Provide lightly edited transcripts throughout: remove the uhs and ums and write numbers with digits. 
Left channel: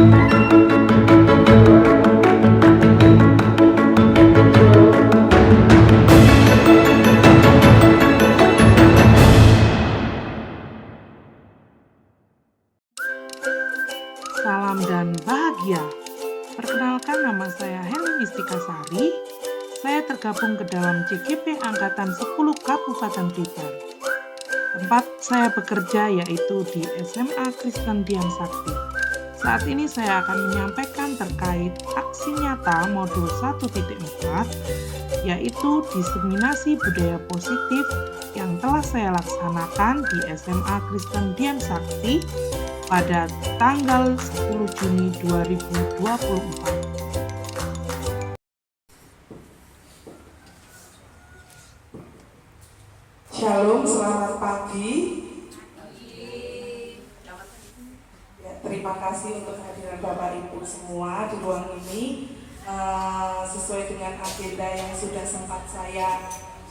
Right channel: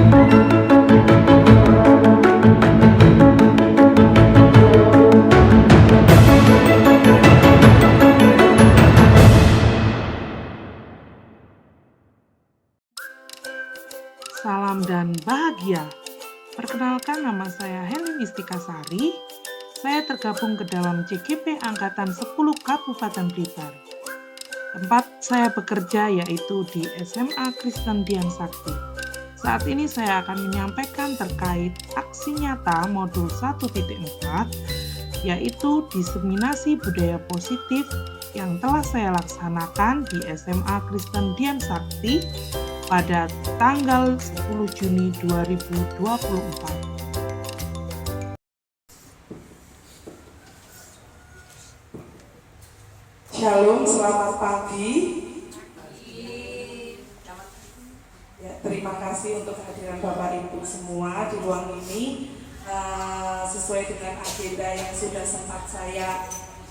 Salam dan bahagia. Perkenalkan, nama saya Helen Istikasari. Saya tergabung ke dalam CGP Angkatan 10 Kabupaten Blitar. Tempat saya bekerja yaitu di SMA Kristen Dian Sakti. Saat ini saya akan menyampaikan terkait aksi nyata modul 1.4, yaitu diseminasi budaya positif yang telah saya laksanakan di SMA Kristen Dian Sakti pada tanggal 10 Juni 2024. Shalom, selamat pagi. Ya, terima kasih untuk kehadiran Bapak Ibu semua di ruang ini. Sesuai dengan agenda yang sudah sempat saya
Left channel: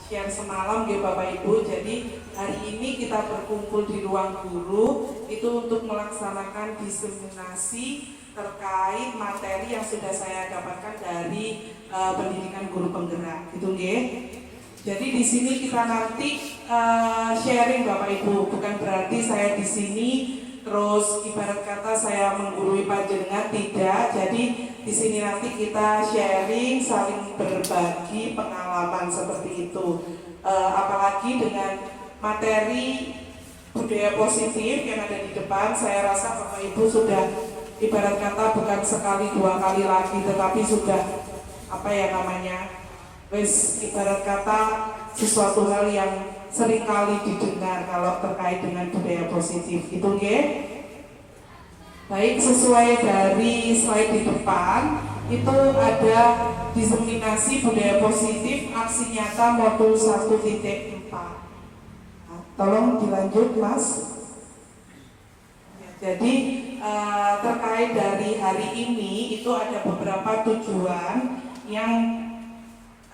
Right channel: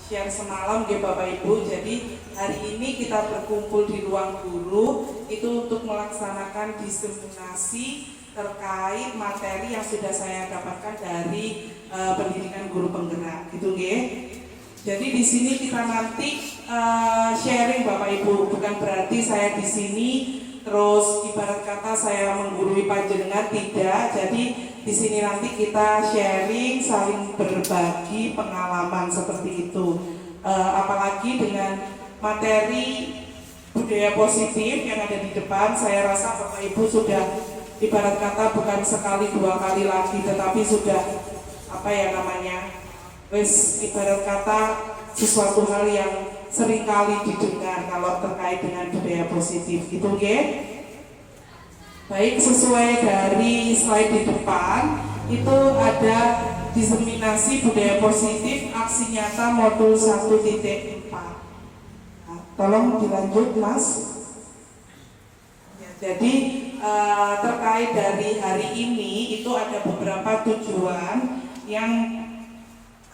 share semalam ya Bapak Ibu. Jadi hari ini kita berkumpul di ruang guru itu untuk melaksanakan diseminasi terkait materi yang sudah saya dapatkan dari pendidikan guru penggerak gitu nggih. Jadi di sini kita nanti sharing Bapak Ibu, bukan berarti saya di sini terus ibarat kata saya menggurui panjenengan, tidak. Jadi di sini nanti kita sharing, saling berbagi pengalaman seperti itu. Apalagi dengan materi budaya positif yang ada di depan, saya rasa Bapak Ibu sudah ibarat kata bukan sekali dua kali lagi, tetapi sudah ibarat kata sesuatu hal yang sering kali didengar kalau terkait dengan budaya positif gitu nggih. Baik, sesuai dari slide di depan itu ada diseminasi budaya positif aksi nyata modul 1.4. Nah, tolong dilanjut Mas. Ya, jadi terkait dari hari ini itu ada beberapa tujuan yang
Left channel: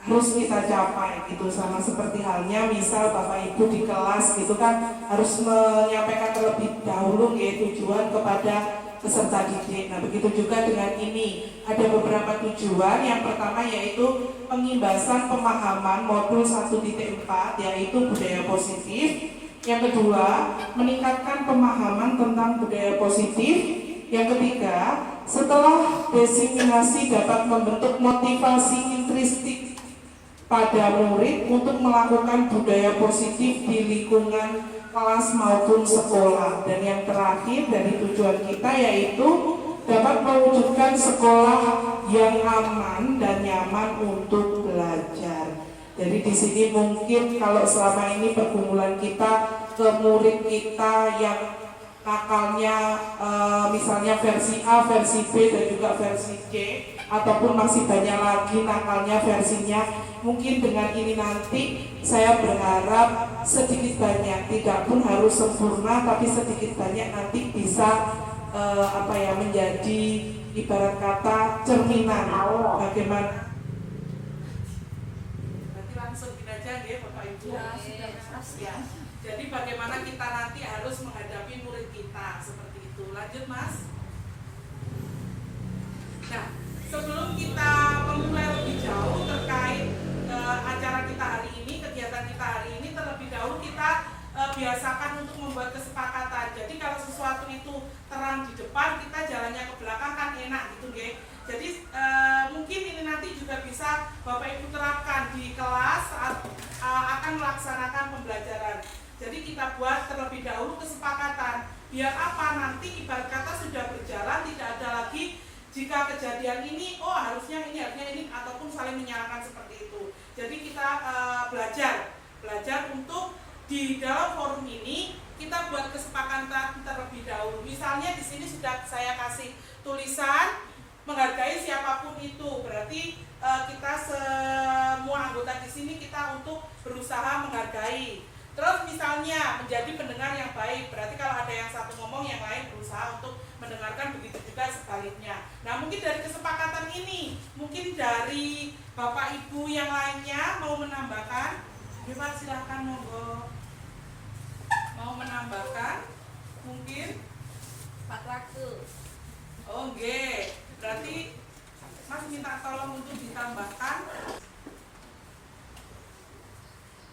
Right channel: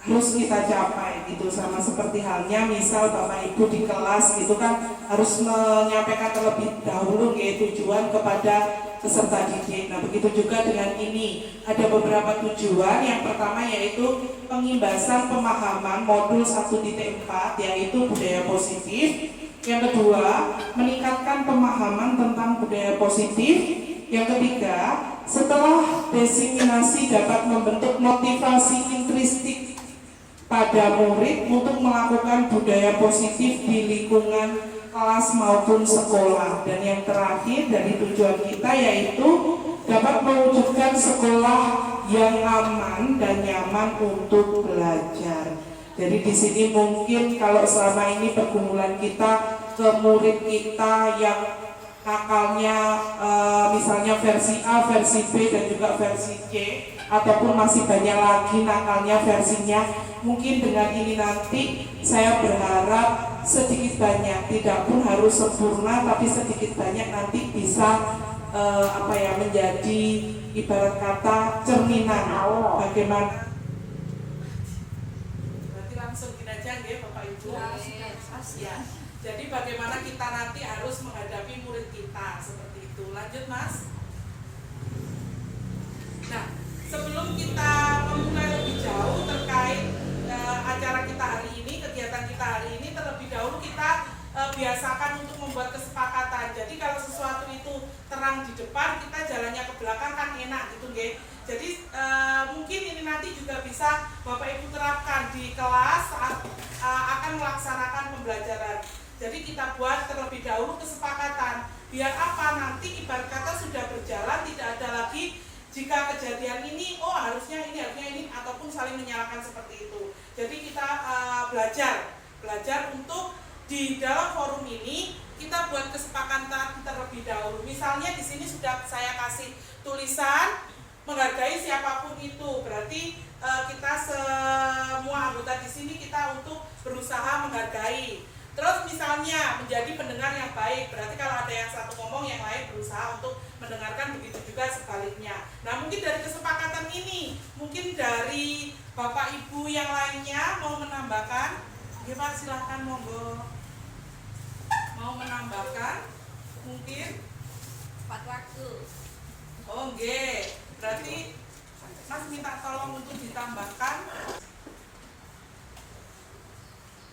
harus kita capai gitu, sama seperti halnya misal Bapak Ibu di kelas gitu kan harus menyampaikan terlebih dahulu tujuan kepada peserta didik. Nah begitu juga dengan ini ada beberapa tujuan. Yang pertama yaitu pengimbasan pemahaman modul 1.4 yaitu budaya positif. Yang kedua, meningkatkan pemahaman tentang budaya positif. Yang ketiga, setelah diseminasi dapat membentuk motivasi intristik pada murid untuk melakukan budaya positif di lingkungan kelas maupun sekolah. Dan yang terakhir dari tujuan kita yaitu dapat mewujudkan sekolah yang aman dan nyaman untuk belajar. Jadi di sini mungkin kalau selama ini pergumulan kita ke murid kita yang nakalnya misalnya versi A, versi B dan juga versi C, ataupun masih banyak lagi nakalnya versinya. Mungkin dengan ini nanti saya berharap sedikit banyak, tidak pun harus sempurna, tapi sedikit banyak nanti bisa menjadi ibarat kata cerminan bagaimana. Berarti langsung kita aja ya Bapak Ibu. Ya. Jadi bagaimana kita nanti harus menghadapi murid kita seperti itu. Lanjut Mas. Nah, sebelum kita memulai lebih jauh terkait acara kita hari ini, kegiatan kita hari ini, terlebih dahulu kita biasakan untuk membuat kesepakatan. Jadi kalau sesuatu itu terang di depan, kita jalannya ke belakang kan enak gitu nggih. Jadi mungkin ini nanti juga bisa Bapak Ibu terapkan di kelas saat akan melaksanakan pembelajaran. Jadi kita buat terlebih dahulu kesepakatan. Biar apa? Nanti ibarat kata sudah berjalan, tidak ada lagi jika kejadian ini, harusnya ini, ataupun saling menyalahkan seperti itu. Jadi kita belajar untuk di dalam forum ini kita buat kesepakatan terlebih dahulu. Misalnya di sini sudah saya kasih tulisan menghargai siapapun itu. Berarti kita semua anggota di sini kita untuk berusaha menghargai. Terus misalnya menjadi pendengar yang baik, berarti kalau ada yang satu ngomong yang lain berusaha untuk mendengarkan, begitu juga sebaliknya. Nah mungkin dari kesepakatan ini, mungkin dari Bapak Ibu yang lainnya mau menambahkan, ya Pak silahkan monggo. Mau menambahkan, mungkin? Pak waktu. Oh nggih, ditambahkan?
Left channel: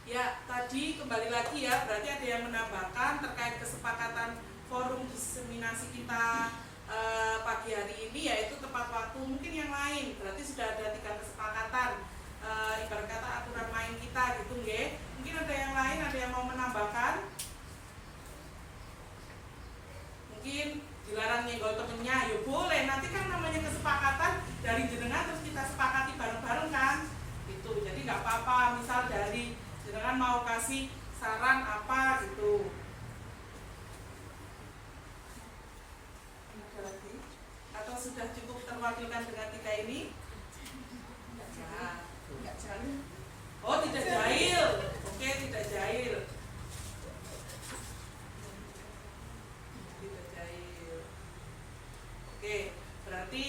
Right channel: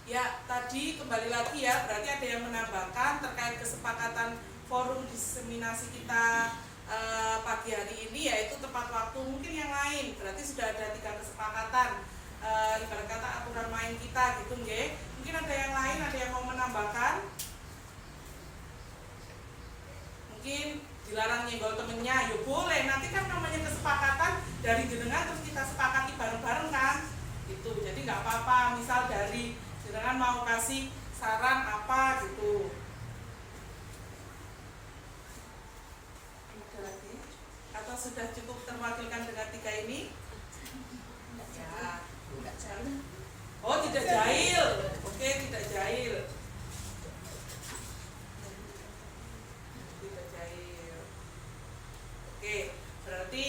Ya, tadi kembali lagi ya, berarti ada yang menambahkan terkait kesepakatan forum diseminasi kita pagi hari ini, yaitu tepat waktu. Mungkin yang lain, berarti sudah ada 3 kesepakatan, ibarat kata aturan main kita gitu nggih. Mungkin ada yang lain, ada yang mau menambahkan? Mungkin dilarang nyenggol temennya, ya boleh, nanti kan namanya kesepakatan dari jenengan terus kita sepakati bareng-bareng kan gitu. Jadi nggak apa-apa, misal dari jenengan mau kasih saran apa gitu. Ada lagi? Atau sudah cukup terwakilkan dengan 3 ini? Ya. Oh, tidak jahil. Oke, tidak jahil. Tidak jahil. Oke, berarti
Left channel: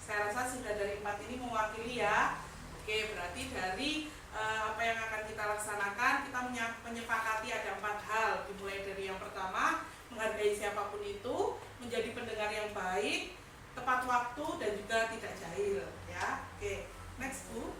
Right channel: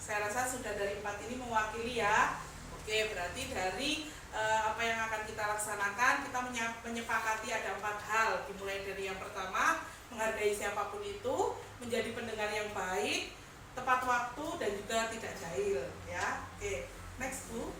saya rasa sudah dari 4 ini mewakili ya. Oke, berarti dari apa yang akan kita laksanakan, kita menyepakati ada 4 hal. Dimulai dari yang pertama, menghargai siapapun itu, menjadi pendengar yang baik, tepat waktu, dan juga tidak jahil ya. Oke, next Bu.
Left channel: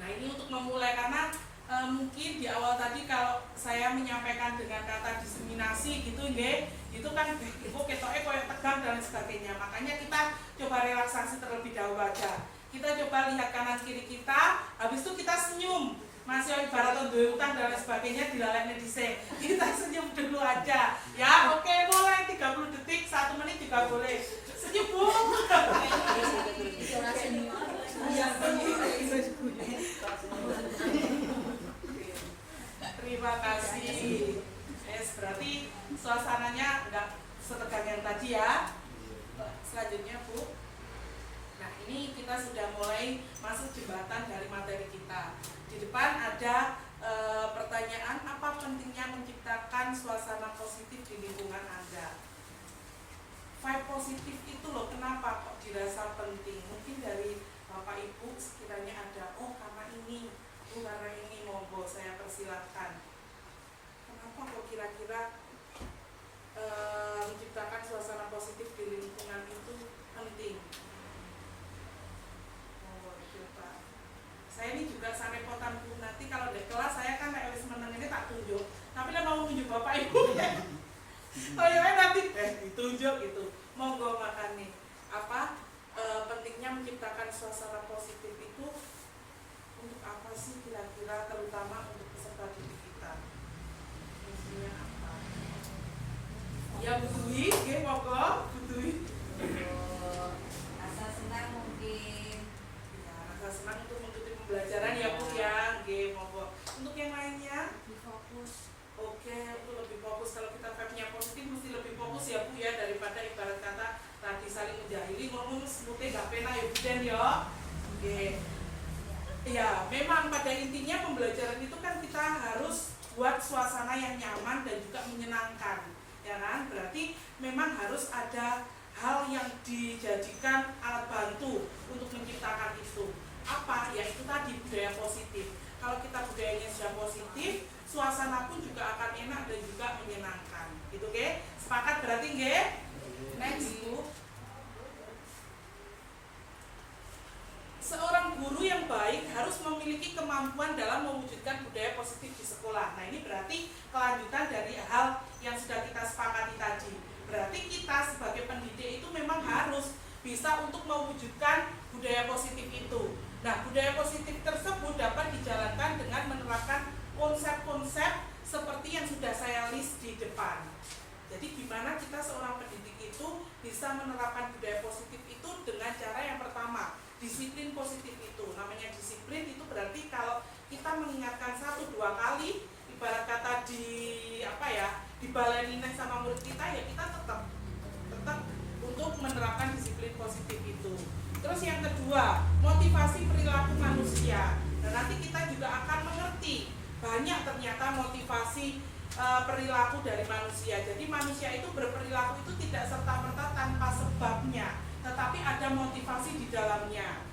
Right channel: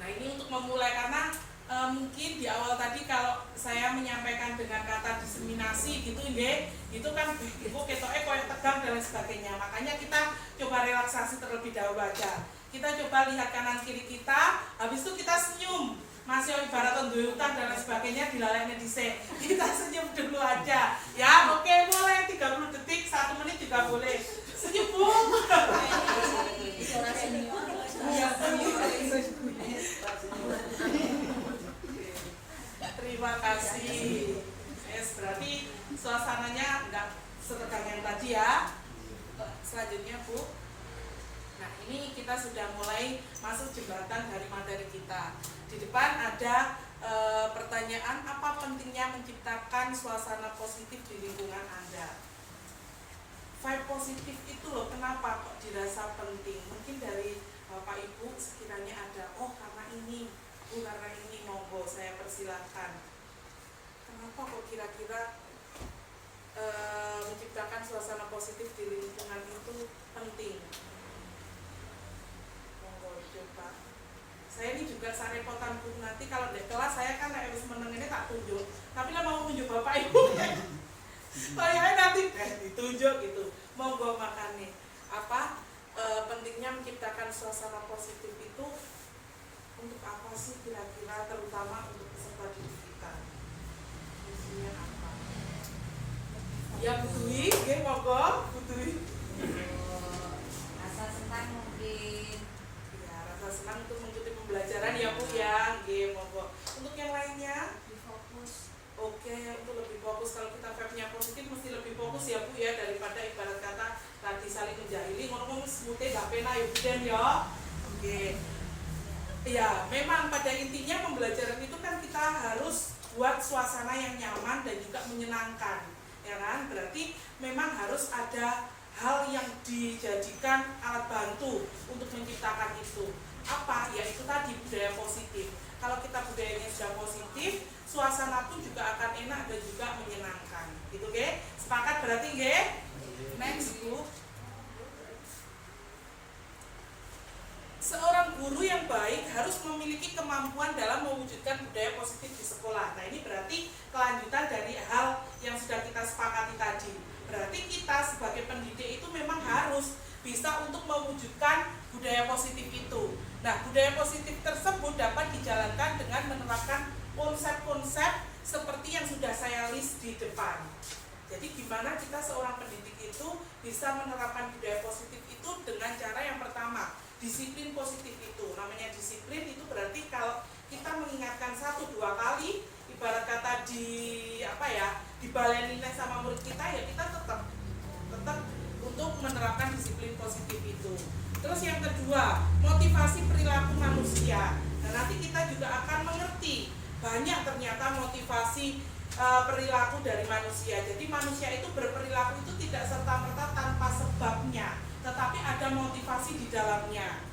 Nah, ini untuk memulai, karena mungkin di awal tadi kalau saya menyampaikan dengan kata diseminasi gitu nggih, itu kan kok ketoke koyo tegang dan sebagainya. Makanya kita coba relaksasi terlebih dahulu aja. Kita coba lihat kanan kiri kita, habis itu kita senyum. Masih ibarat duwe utang dan lain sebagainya dilalekne dhisik. Kita senyum dulu aja. Ya, oke, boleh 30 detik, 1 menit juga boleh. Senyum Bu. Terima kasih. Yes, berarti suasananya enggak setegang yang tadi ya. Selanjutnya Bu. Nah, ini kita sudah mulai masuk jembatan dari materi kita. Di depan ada pertanyaan, apa pentingnya menciptakan suasana positif di lingkungan Anda? Vibe positif itu loh, kenapa kok dirasa penting? Mungkin dari Bapak Ibu sekiranya ada, oh karena ini, karena ini, monggo saya persilahkan. Kenapa kok kira-kira menciptakan suasana positif di lingkungan itu penting? Saya ini juga sarepotan Bu, nanti kalau di kelas saya kan harus meneng ini tak tunjuk, tapi lah mau tunjuk Bapak Ibu ya. Kayaknya nanti ditunjuk gitu. Monggo makan nih. Apa pentingnya menciptakan suasana positif itu untuk apa sih kira-kira, terutama untuk peserta didik kita? Fungsinya apa? Ya Bu Dwi, nggih monggo Bu Dwi. Rasa senang mungkin. Ya, rasa senang untuk mengikuti pembelajaran ya Bu ya, nggih monggo. Untuk yang lainnya? Fokus. Oke, untuk lebih fokus. Kalau kita vibe-nya positif mesti lebih fokus ya Bu ya, daripada ibarat kata tadi saling menjahili, ngomong semute gak pena ya Bu Den ya. Oke. Ya, memang pada intinya pembelajaran itu kan kita harus buat suasana yang nyaman dan juga menyenangkan, ya kan? Berarti memang harus ada hal yang dijadikan alat bantu untuk menciptakan itu. Apa? Ya itu tadi, budaya positif. Kalau kita budayanya sudah positif, suasana pun juga akan enak dan juga menyenangkan. Gitu, oke? Sepakat berarti, nggih? Next, Bu. Seorang guru yang baik harus memiliki kemampuan dalam mewujudkan budaya positif di sekolah. Nah, ini berarti kelanjutan dari hal yang sudah kita sepakati tadi. Berarti kita sebagai pendidik itu memang harus bisa untuk mewujudkan budaya positif itu. Nah, budaya positif tersebut dapat dijalankan dengan menerapkan konsep-konsep seperti yang sudah saya list di depan. Jadi gimana kita seorang pendidik itu bisa menerapkan budaya positif itu dengan cara yang pertama, disiplin positif itu. Namanya disiplin itu berarti kalau kita mengingatkan 1-2 kali, ibarat kata dibaleni sama murid kita, ya kita tetap untuk menerapkan disiplin positif itu. Terus yang kedua, motivasi perilaku manusia. Nah, nanti kita juga akan mengerti banyak ternyata motivasi perilaku dari manusia. Jadi manusia itu berperilaku itu tidak serta-merta tanpa sebabnya, tetapi ada motivasi di dalamnya.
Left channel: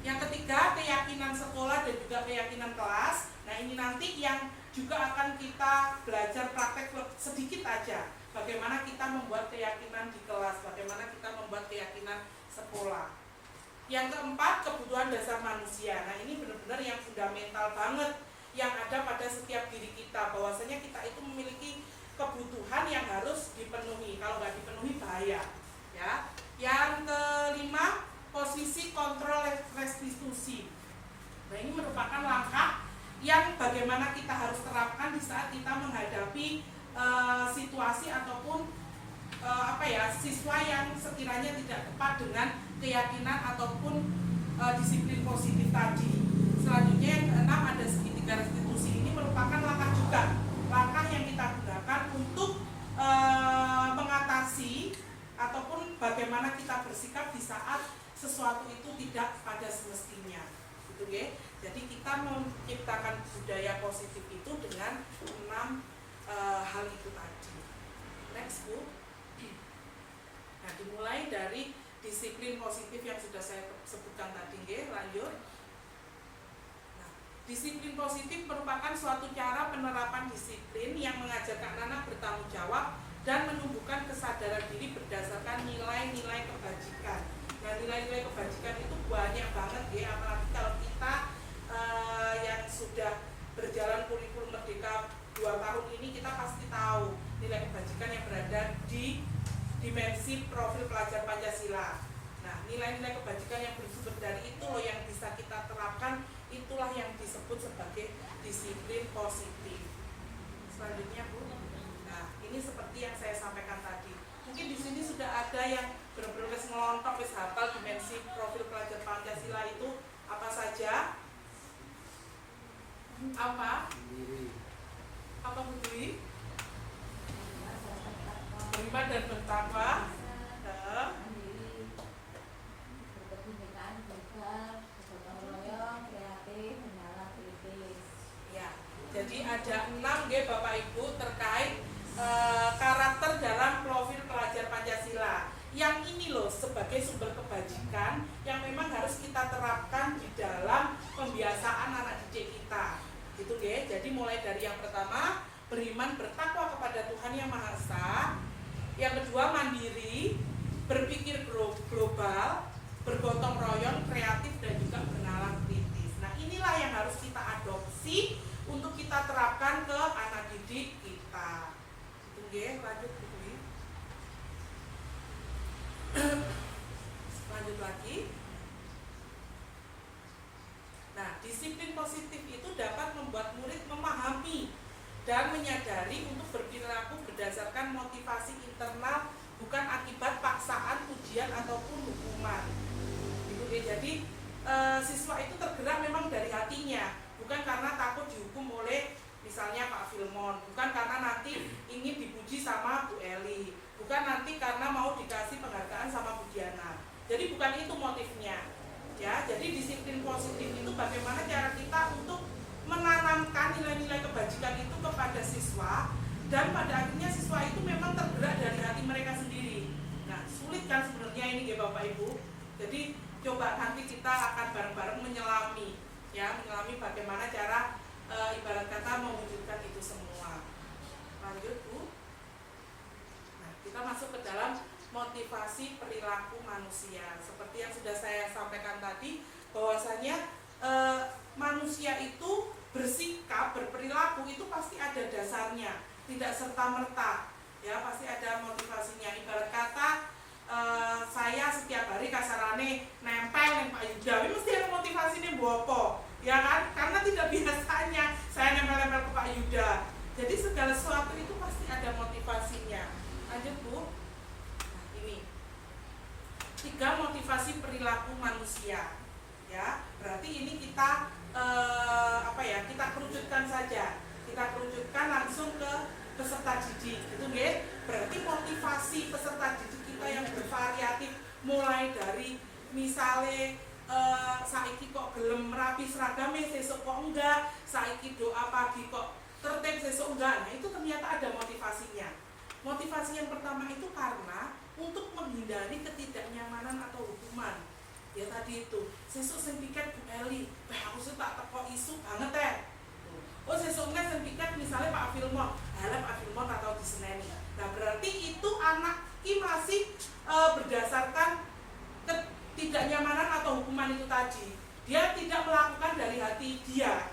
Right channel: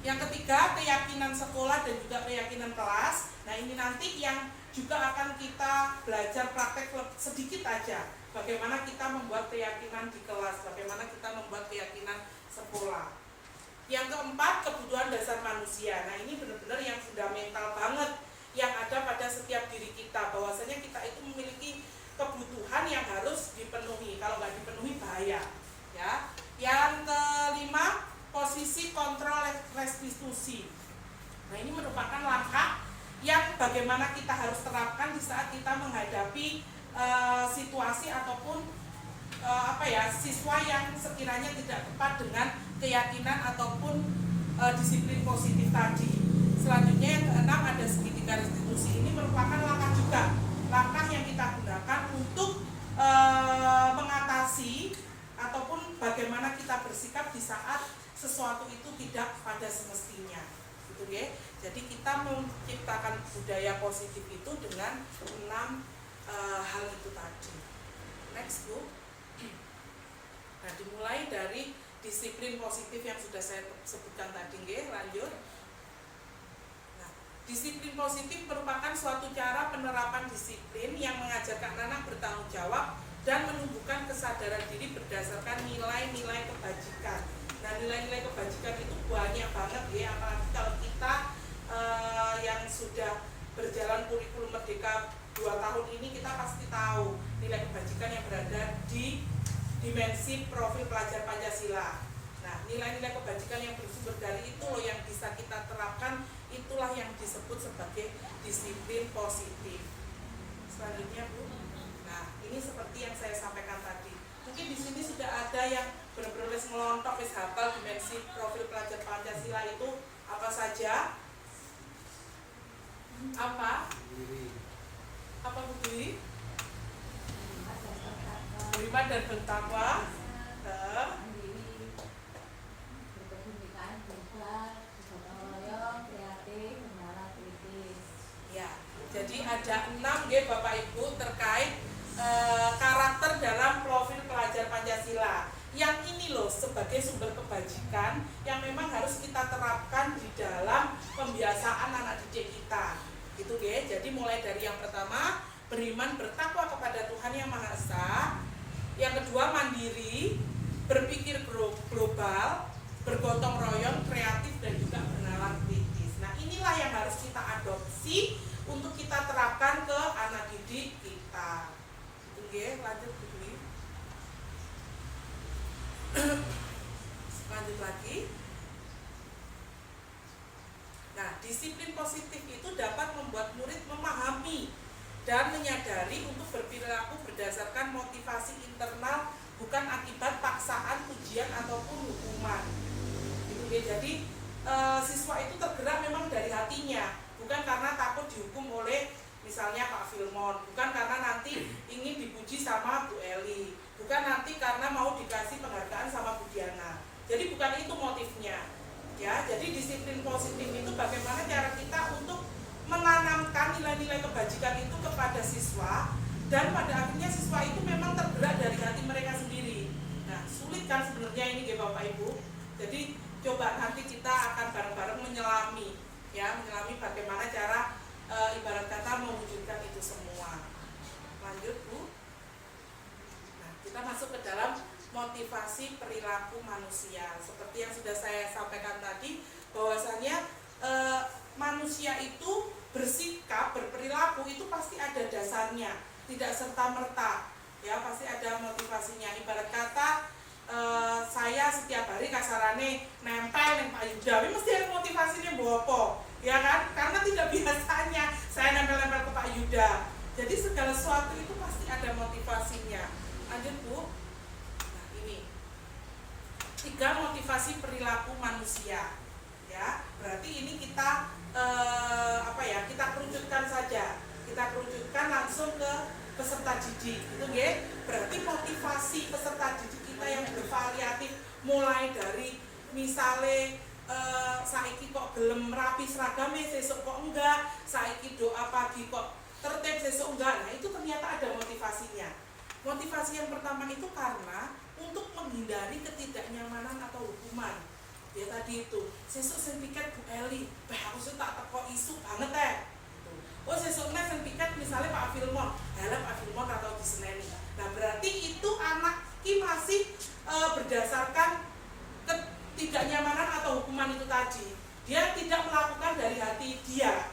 Yang ketiga, keyakinan sekolah dan juga keyakinan kelas. Nah, ini nanti yang juga akan kita belajar praktek sedikit aja bagaimana kita membuat keyakinan di kelas, bagaimana kita membuat keyakinan sekolah. Yang keempat, kebutuhan dasar manusia. Nah, ini benar-benar yang fundamental banget yang ada pada setiap diri kita, bahwasanya kita itu memiliki kebutuhan yang harus dipenuhi. Kalau nggak dipenuhi bahaya, ya. Yang kelima, posisi kontrol restitusi. Nah, ini merupakan langkah yang bagaimana kita harus terapkan di saat kita menghadapi situasi ataupun siswa yang sekiranya tidak tepat dengan keyakinan ataupun disiplin positif tadi. Selanjutnya yang keenam ada segitiga restitusi. Ini merupakan langkah juga, langkah yang kita gunakan untuk mengatasi ataupun bagaimana kita bersikap di saat sesuatu itu tidak pada semestinya, gitu ya. Jadi kita menciptakan budaya positif itu dengan 6 hal itu tadi. Next, Bu. Nah, dimulai dari disiplin positif yang sudah saya sebutkan tadi, nggih, lanjut. Nah, disiplin positif merupakan suatu cara penerapan disiplin yang mengajarkan anak bertanggung jawab dan menumbuhkan kesadaran diri berdasarkan nilai-nilai kebajikan. Nah, nilai-nilai kebajikan itu banyak banget ya, apalagi kalau kita yang sudah berjalan kurikulum Merdeka 2 tahun ini, kita pasti tahu nilai kebajikan yang berada di dimensi profil pelajar Pancasila. Nah, nilai-nilai kebajikan yang bersumber dari itu loh yang bisa kita terapkan, itulah yang disebut sebagai disiplin positif. Selanjutnya, Bu. Nah, ini seperti yang saya sampaikan tadi. Mungkin di sini sudah ada yang benar-benar ngelontok, hafal dimensi profil pelajar Pancasila itu apa saja? Apa Bu Dwi? Beriman dan bertakwa, berkebinekaan bebas, bergotong royong, kreatif, menyala kritis. Ya, jadi ada 6 ya Bapak Ibu terkait karakter dalam profil pelajar Pancasila. Yang ini loh sebagai sumber kebajikan yang memang harus kita terapkan di dalam pembiasaan anak didik kita. Gitu ya. Jadi mulai dari yang pertama, beriman bertakwa kepada Tuhan Yang Maha Esa. Yang kedua, mandiri, berpikir global, bergotong royong, kreatif, dan juga bernalar kritis. Nah, inilah yang harus kita adopsi untuk kita terapkan ke anak didik kita. Itu ya, lanjut Bu Dwi. Lanjut lagi. Nah, disiplin positif itu dapat membuat murid memahami dan menyadari untuk berperilaku berdasarkan motivasi internal, bukan akibat paksaan, ujian ataupun hukuman. Gitu ya. Jadi siswa itu tergerak memang dari hatinya, bukan karena takut dihukum oleh misalnya Pak Filmon, bukan karena nanti ingin dipuji sama Bu Eli, bukan nanti karena mau dikasih penghargaan sama Bu Diana. Jadi bukan itu motifnya. Ya, jadi disiplin positif itu bagaimana cara kita untuk menanamkan nilai-nilai kebajikan itu kepada siswa, dan pada akhirnya siswa itu memang tergerak dari hati mereka sendiri. Nah, sulit kan sebenarnya ini ya Bapak Ibu. Jadi coba nanti kita akan bareng-bareng menyelami bagaimana cara ibarat kata mewujudkan itu semua. Lanjut Bu. Nah, kita masuk ke dalam motivasi perilaku manusia. Seperti yang sudah saya sampaikan tadi, bahwasanya manusia itu bersikap, berperilaku itu pasti ada dasarnya, tidak serta-merta, ya pasti ada motivasinya. Ibarat kata saya setiap hari kasarane nempel yang Pak Yuda, mesti ada motivasinya bopo, ya kan? Karena tidak biasanya saya nempel-nempel ke Pak Yuda. Jadi segala sesuatu itu pasti ada motivasinya. Lanjut Bu. Nah ini 3 motivasi perilaku manusia. Ya, berarti ini kita kita kerucutkan saja. Kita kerucutkan langsung ke peserta didik. Itu nggih. Berarti motivasi peserta didik kita yang bervariatif, mulai dari misale saiki kok gelem rapi seragame, sesuk kok enggak, saiki doa pagi kok tertib, sesuk enggak. Nah, itu ternyata ada motivasinya. Motivasi yang pertama itu karena untuk menghindari ketidaknyamanan atau hukuman. Ya tadi itu, sesuk sing piket Bu Eli, aku sih tak teko isu banget oh sesuk nek sing piket misalnya Pak Filmon, halah Pak Filmon atau diseneni. Nah berarti itu anak ki masih berdasarkan ketidaknyamanan atau hukuman itu tadi. Dia tidak melakukan dari hati dia.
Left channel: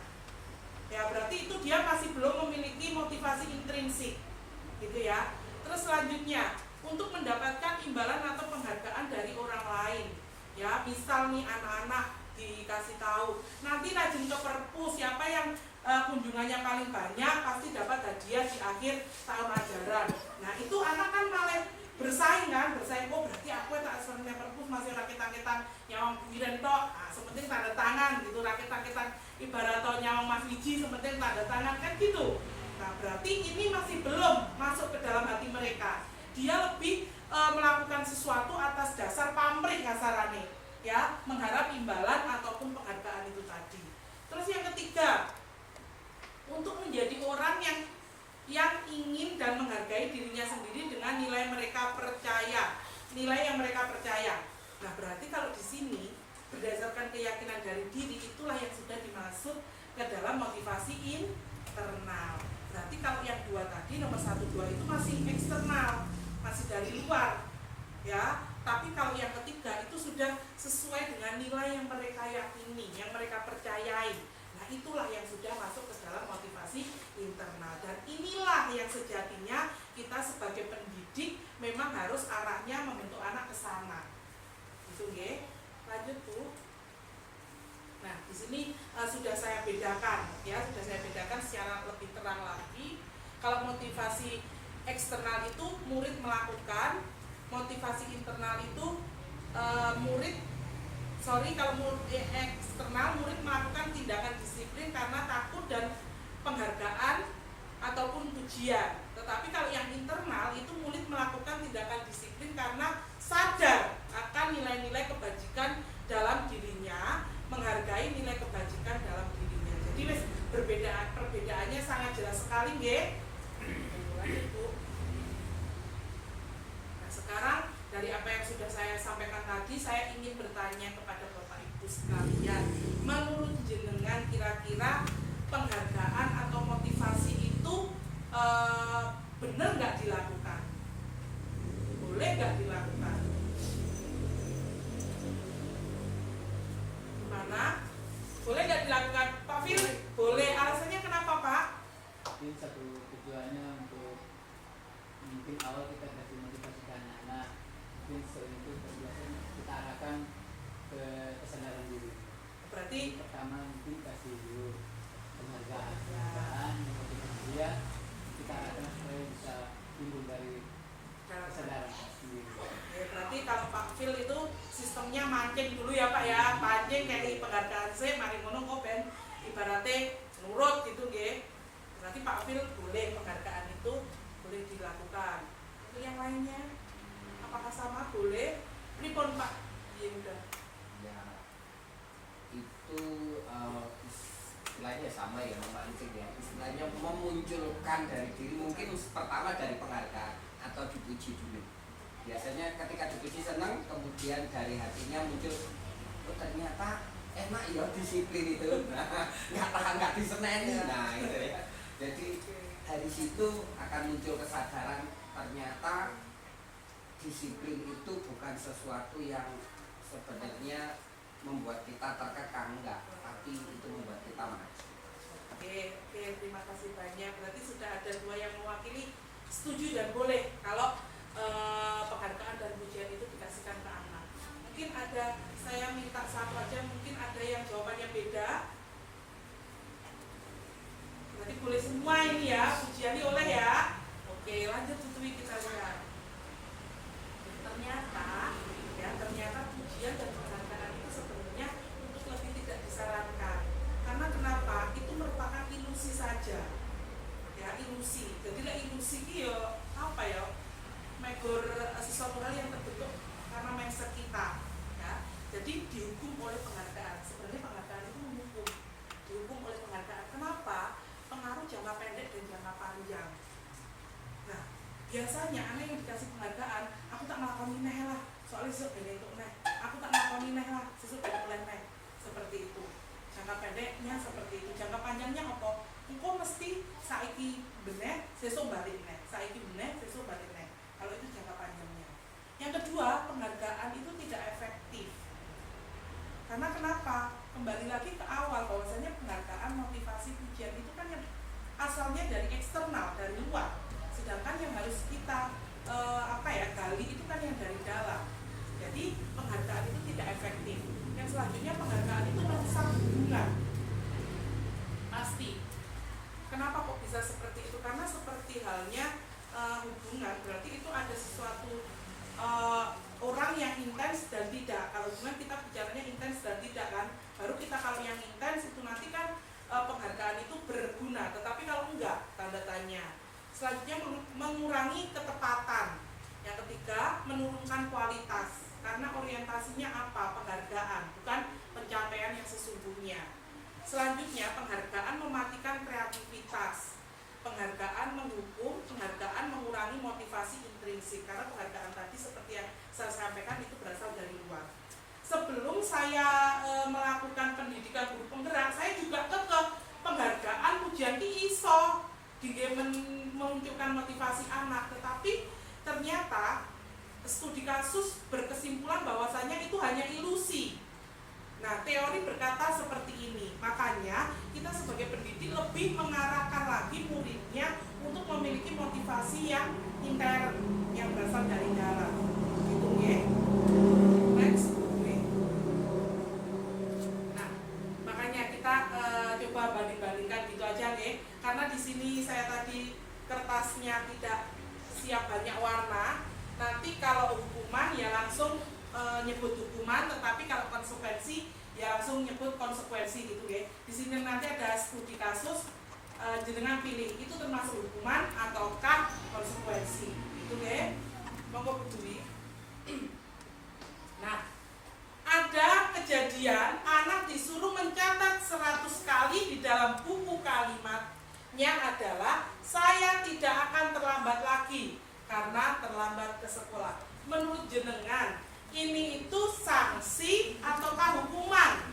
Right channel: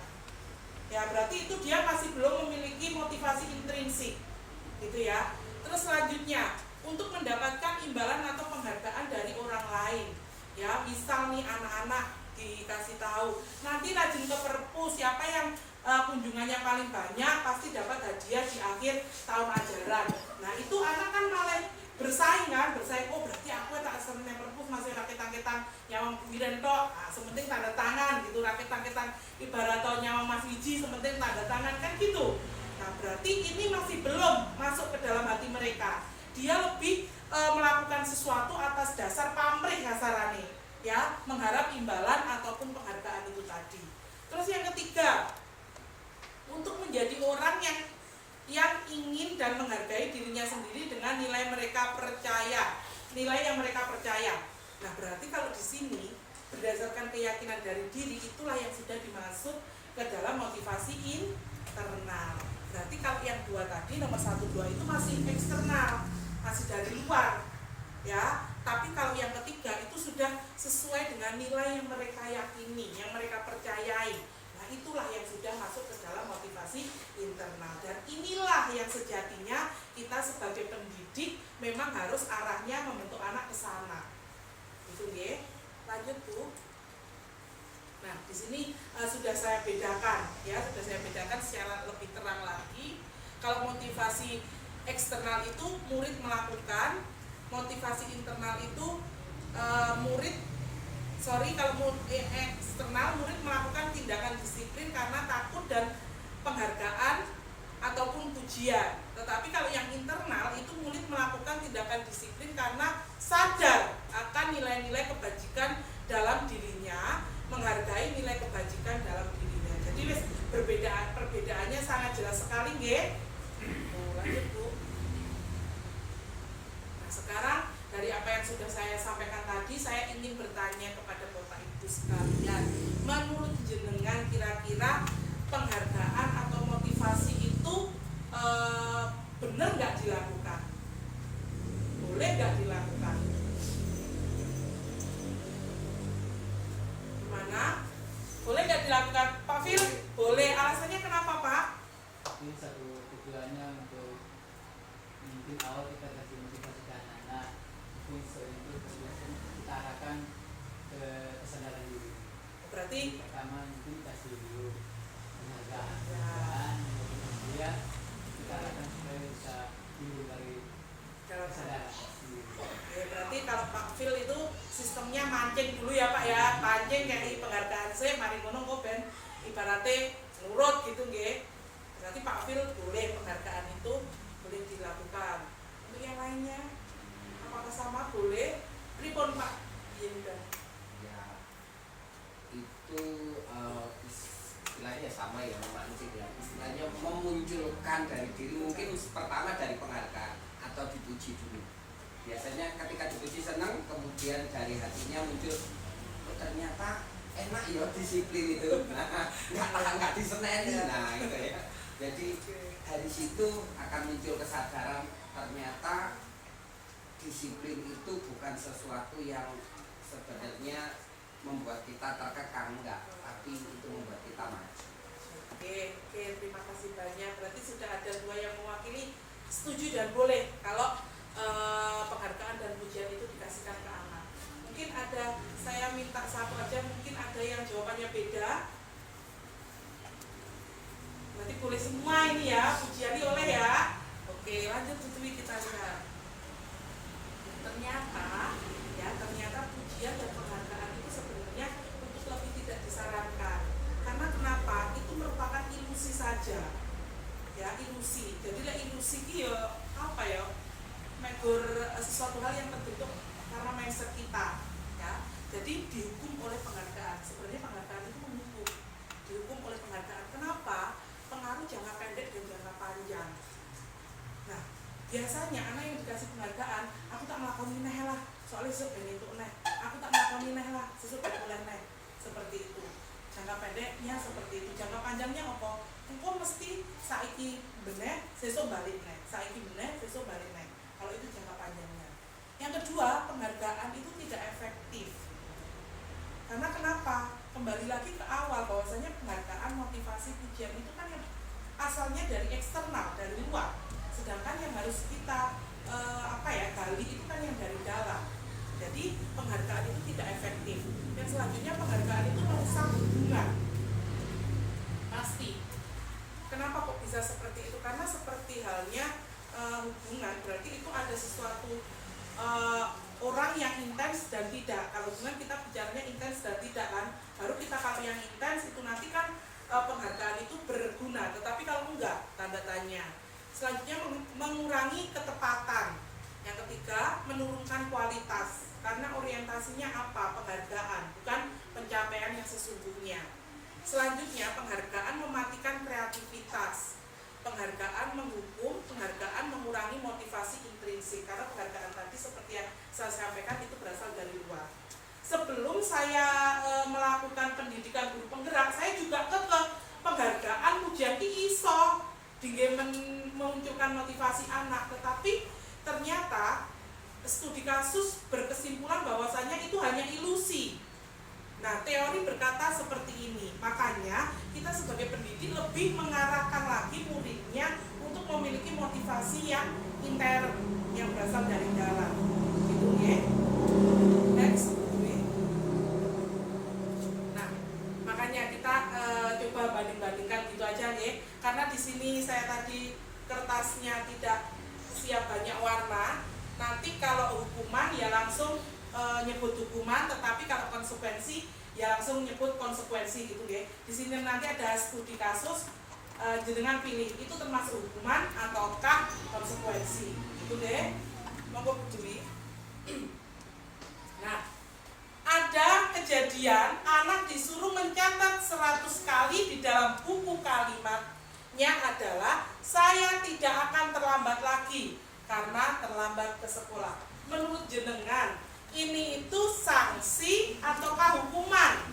Ya berarti itu dia masih belum memiliki motivasi intrinsik, gitu ya. Terus selanjutnya untuk mendapatkan imbalan atau penghargaan dari orang lain, ya misal nih anak-anak dikasih tahu nanti rajin ke perpus, siapa yang kunjungannya paling banyak pasti dapat hadiah di akhir tahun ajaran. Nah itu anak kan malah bersaing kan, oh berarti aku tak seneng perpus masih rakit-rakitan nyawang biren tok, sementing tanda tangan gitu, rakit-rakitan ibarat nyawang Mas Wiji sementing tanda tangan kan gitu. Nah berarti ini masih belum masuk ke dalam hati mereka. Dia lebih melakukan sesuatu atas dasar pamrih kasarane, ya, mengharap imbalan ataupun penghargaan itu tadi. Terus yang ketiga, untuk menjadi orang yang ingin dan menghargai dirinya sendiri dengan nilai mereka percaya, nilai yang mereka percaya. Nah berarti kalau di sini berdasarkan keyakinan dari diri itulah yang sudah dimasuk ke dalam motivasi internal. Berarti kalau yang dua tadi nomor 1, 2 itu masih eksternal, masih dari luar, ya. Tapi kalau yang ketiga itu sudah sesuai dengan nilai yang mereka yakini, yang mereka percayai. Nah itulah yang sudah masuk ke dalam motivasi internal. Dan inilah yang sejatinya kita sebagai pendidik memang harus arahnya membentuk anak ke sana. Itu ya. Lanjut Bu. Nah di sini sudah saya bedakan, ya, sudah saya bedakan secara lebih terang lagi. Kalau motivasi eksternal itu murid melakukan, motivasi internal itu kalau eksternal murid melakukan tindakan disiplin karena takut dan penghargaan ataupun pujian. Tetapi kalau yang internal itu murid melakukan tindakan disiplin karena sadar akan nilai-nilai kebajikan dalam dirinya, menghargai nilai kebajikan dalam dirinya. Jadi perbedaannya sangat jelas sekali, nggih. Lanjut Bu. Nah sekarang dari apa yang sudah saya sampaikan tadi, saya ingin bertanya kepada Bapak Ibu sekalian, menurut jenengan kira-kira penghargaan atau motivasi itu benar nggak dilakukan? Boleh nggak dilakukan? Gimana? Boleh nggak dilakukan? Pak Fil, boleh. Alasannya kenapa Pak? Ini satu tujuannya untuk mungkin awal kita kasih motivasi ke anak-anak, mungkin itu kita arahkan ke kesadaran diri. Berarti jadi, pertama mungkin kasih dulu penghargaan motivasi dia, kita arahkan supaya bisa timbul dari kesadaran sendiri. Ya, berarti kalau Pak Fil itu sistemnya mancing dulu ya Pak ya, mancing kayak penghargaan saya, mari ngono kok ben ibaratnya nurut gitu nggih. Berarti Pak Fil boleh penghargaan itu boleh dilakukan. Untuk yang lainnya apakah sama boleh? Pripun Pak? Iya udah. Ya itu istilahnya sama ya, memancing ya, istilahnya memunculkan dari diri, mungkin pertama dari penghargaan atau dipuji dulu. Biasanya ketika dipuji senang, kemudian dari hatinya muncul, oh, ternyata enak ya disiplin itu, nggak diseneni, nah itu ya. Jadi dari situ akan muncul kesadaran ternyata disiplin itu bukan sesuatu yang sebenarnya membuat kita terkekang, enggak, tapi itu membuat kita maju. Oke, terima kasih banyak. Berarti sudah ada dua yang mewakili setuju dan boleh kalau penghargaan dan pujian itu dikasihkan ke anak. Mungkin ada, saya minta satu aja, mungkin ada yang jawabannya beda. Berarti boleh semua ini ya, pujian ini oleh ya. Oke, lanjut tutui kita lihat. Ternyata pujian dan penghargaan itu sebenarnya untuk lebih tidak disarankan. Karena kenapa? Itu merupakan ilusi saja. Ya, ilusi. Jadi ilusi itu ya apa ya? Megor sesuatu hal yang terbentuk karena mindset kita, ya. Jadi dihukum oleh penghargaan. Sebenarnya penghargaan itu menghukum. Dihukum oleh penghargaan. Kenapa? Pengaruh jangka pendek dan jangka panjang. Nah, biasanya anak yang dikasih penghargaan, aku tak melakukan neh lah, soalnya sesuk ben entuk neh. Aku tak melakukan neh lah, sesuk ben oleh neh. Seperti itu. Jangka pendeknya seperti itu. Jangka panjangnya apa? engko mesti saiki bener, sesuk balik nek. Saiki bener, sesuk balik nek. Kalau itu jangka panjangnya. Yang kedua, penghargaan itu tidak efektif. Karena kenapa? Kembali lagi ke awal bahwasanya penghargaan, motivasi, pujian itu kan yang asalnya dari eksternal, dari luar. Sedangkan yang harus kita gali itu kan yang dari dalam. Jadi penghargaan itu tidak efektif. Yang selanjutnya penghargaan itu merusak hubungan. Pasti. Kenapa kok bisa seperti itu? Karena seperti halnya hubungan, berarti itu ada sesuatu orang yang intens dan tidak. Kalau hubungan kita bicaranya intens dan tidak kan. Baru kita kalau yang intens itu nanti kan penghargaan itu berguna. Tetapi kalau enggak, tanda tanya. Selanjutnya mengurangi ketepatan. Yang ketiga, menurunkan kualitas. Karena orientasinya apa? Penghargaan, bukan pencapaian yang sesungguhnya. Selanjutnya, penghargaan mematikan kreativitas. Penghargaan menghukum, penghargaan mengurangi motivasi intrinsik. Karena penghargaan tadi seperti yang saya sampaikan itu berasal dari luar. Sebelum saya melakukan pendidikan guru penggerak, saya juga kekeh penghargaan pujian ki iso dengan memunculkan motivasi anak, tetapi ternyata studi kasus berkesimpulan bahwasanya itu hanya ilusi. Nah, teori berkata seperti ini. Makanya kita sebagai pendidik lebih mengarahkan lagi muridnya untuk memiliki motivasi yang intern, yang berasal dari dalam. Gitu ya. Next. Nah, makanya kita coba banding-bandingkan gitu aja ya. Karena di sini saya tadi kertasnya tidak siap banyak warna. Nanti kalau hukuman ya langsung nyebut hukuman, tetapi kalau konsekuensi ya langsung nyebut konsekuensi gitu ya. Di sini nanti ada studi kasus, jenengan pilih itu termasuk hukuman ataukah konsekuensi gitu deh. Monggo Bu Dwi. Nah, ada kejadian anak disuruh mencatat 100 kali di dalam buku kalimatnya adalah saya tidak akan terlambat lagi karena terlambat ke sekolah. Menurut jenengan, ini itu sanksi ataukah hukuman?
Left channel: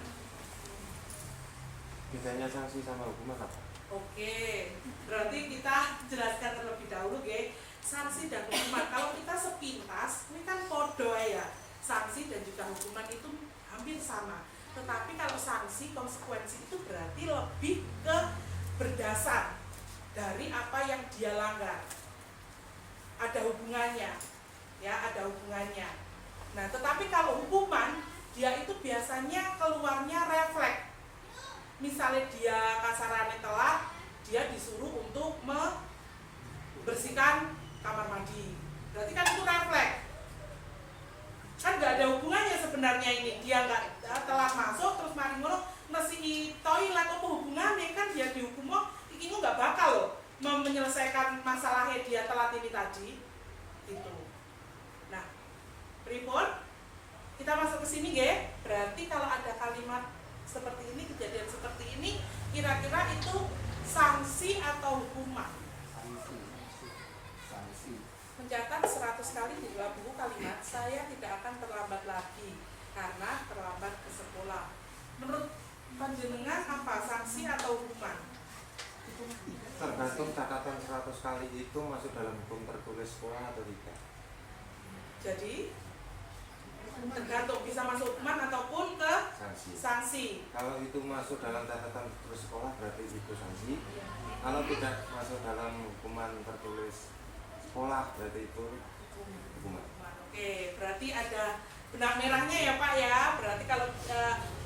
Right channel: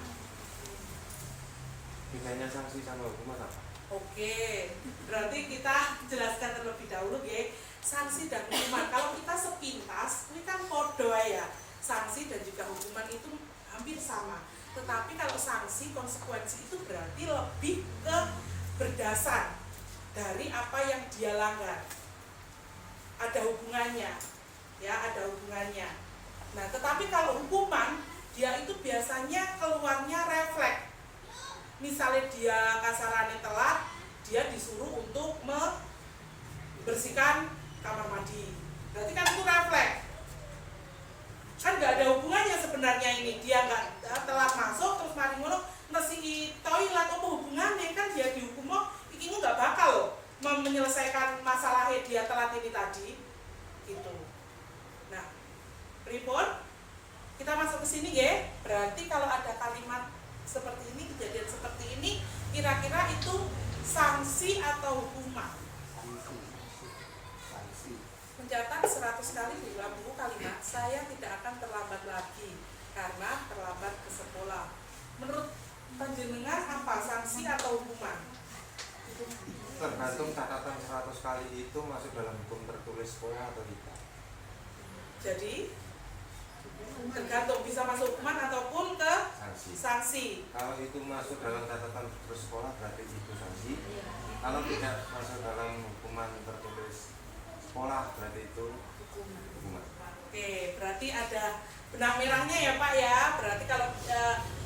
Bedanya sanksi sama hukuman apa? Oke, berarti kita jelaskan terlebih dahulu ya. Sanksi dan hukuman, kalau kita sepintas, ini kan podo ya. Sanksi dan juga hukuman itu hampir sama. Tetapi kalau sanksi, konsekuensi itu berarti lebih ke berdasar dari apa yang dia langgar. Ada hubungannya, ya ada hubungannya. Nah, tetapi kalau hukuman, dia itu biasanya keluarnya refleks. Misalnya dia kasarannya telat, dia disuruh untuk membersihkan kamar mandi. Berarti kan itu refleks. Kan nggak ada hubungannya sebenarnya ini. Dia nggak telat masuk, terus mari ngono nasi toilet apa hubungannya, kan dia dihukum, iki nggak bakal loh menyelesaikan masalahnya dia telat ini tadi. Gitu. Nah, pripun? Kita masuk ke sini ya. Berarti kalau ada kalimat seperti ini, kejadian seperti ini, kira-kira itu sanksi atau hukuman? Sanksi. Mencatat 100 kali di dalam buku kalimat saya tidak akan terlambat lagi karena terlambat ke sekolah. Menurut panjenengan apa, sanksi atau hukuman? Tergantung catatan 100 kali itu masuk dalam hukum tertulis sekolah atau tidak. Jadi tergantung, bisa masuk hukuman ataupun ke sanksi. Kalau itu masuk dalam catatan tertulis sekolah berarti itu sanksi. Kalau tidak masuk dalam hukuman tertulis sekolah berarti itu hukuman. Oke, berarti ada benang merahnya ya Pak ya. Berarti kalau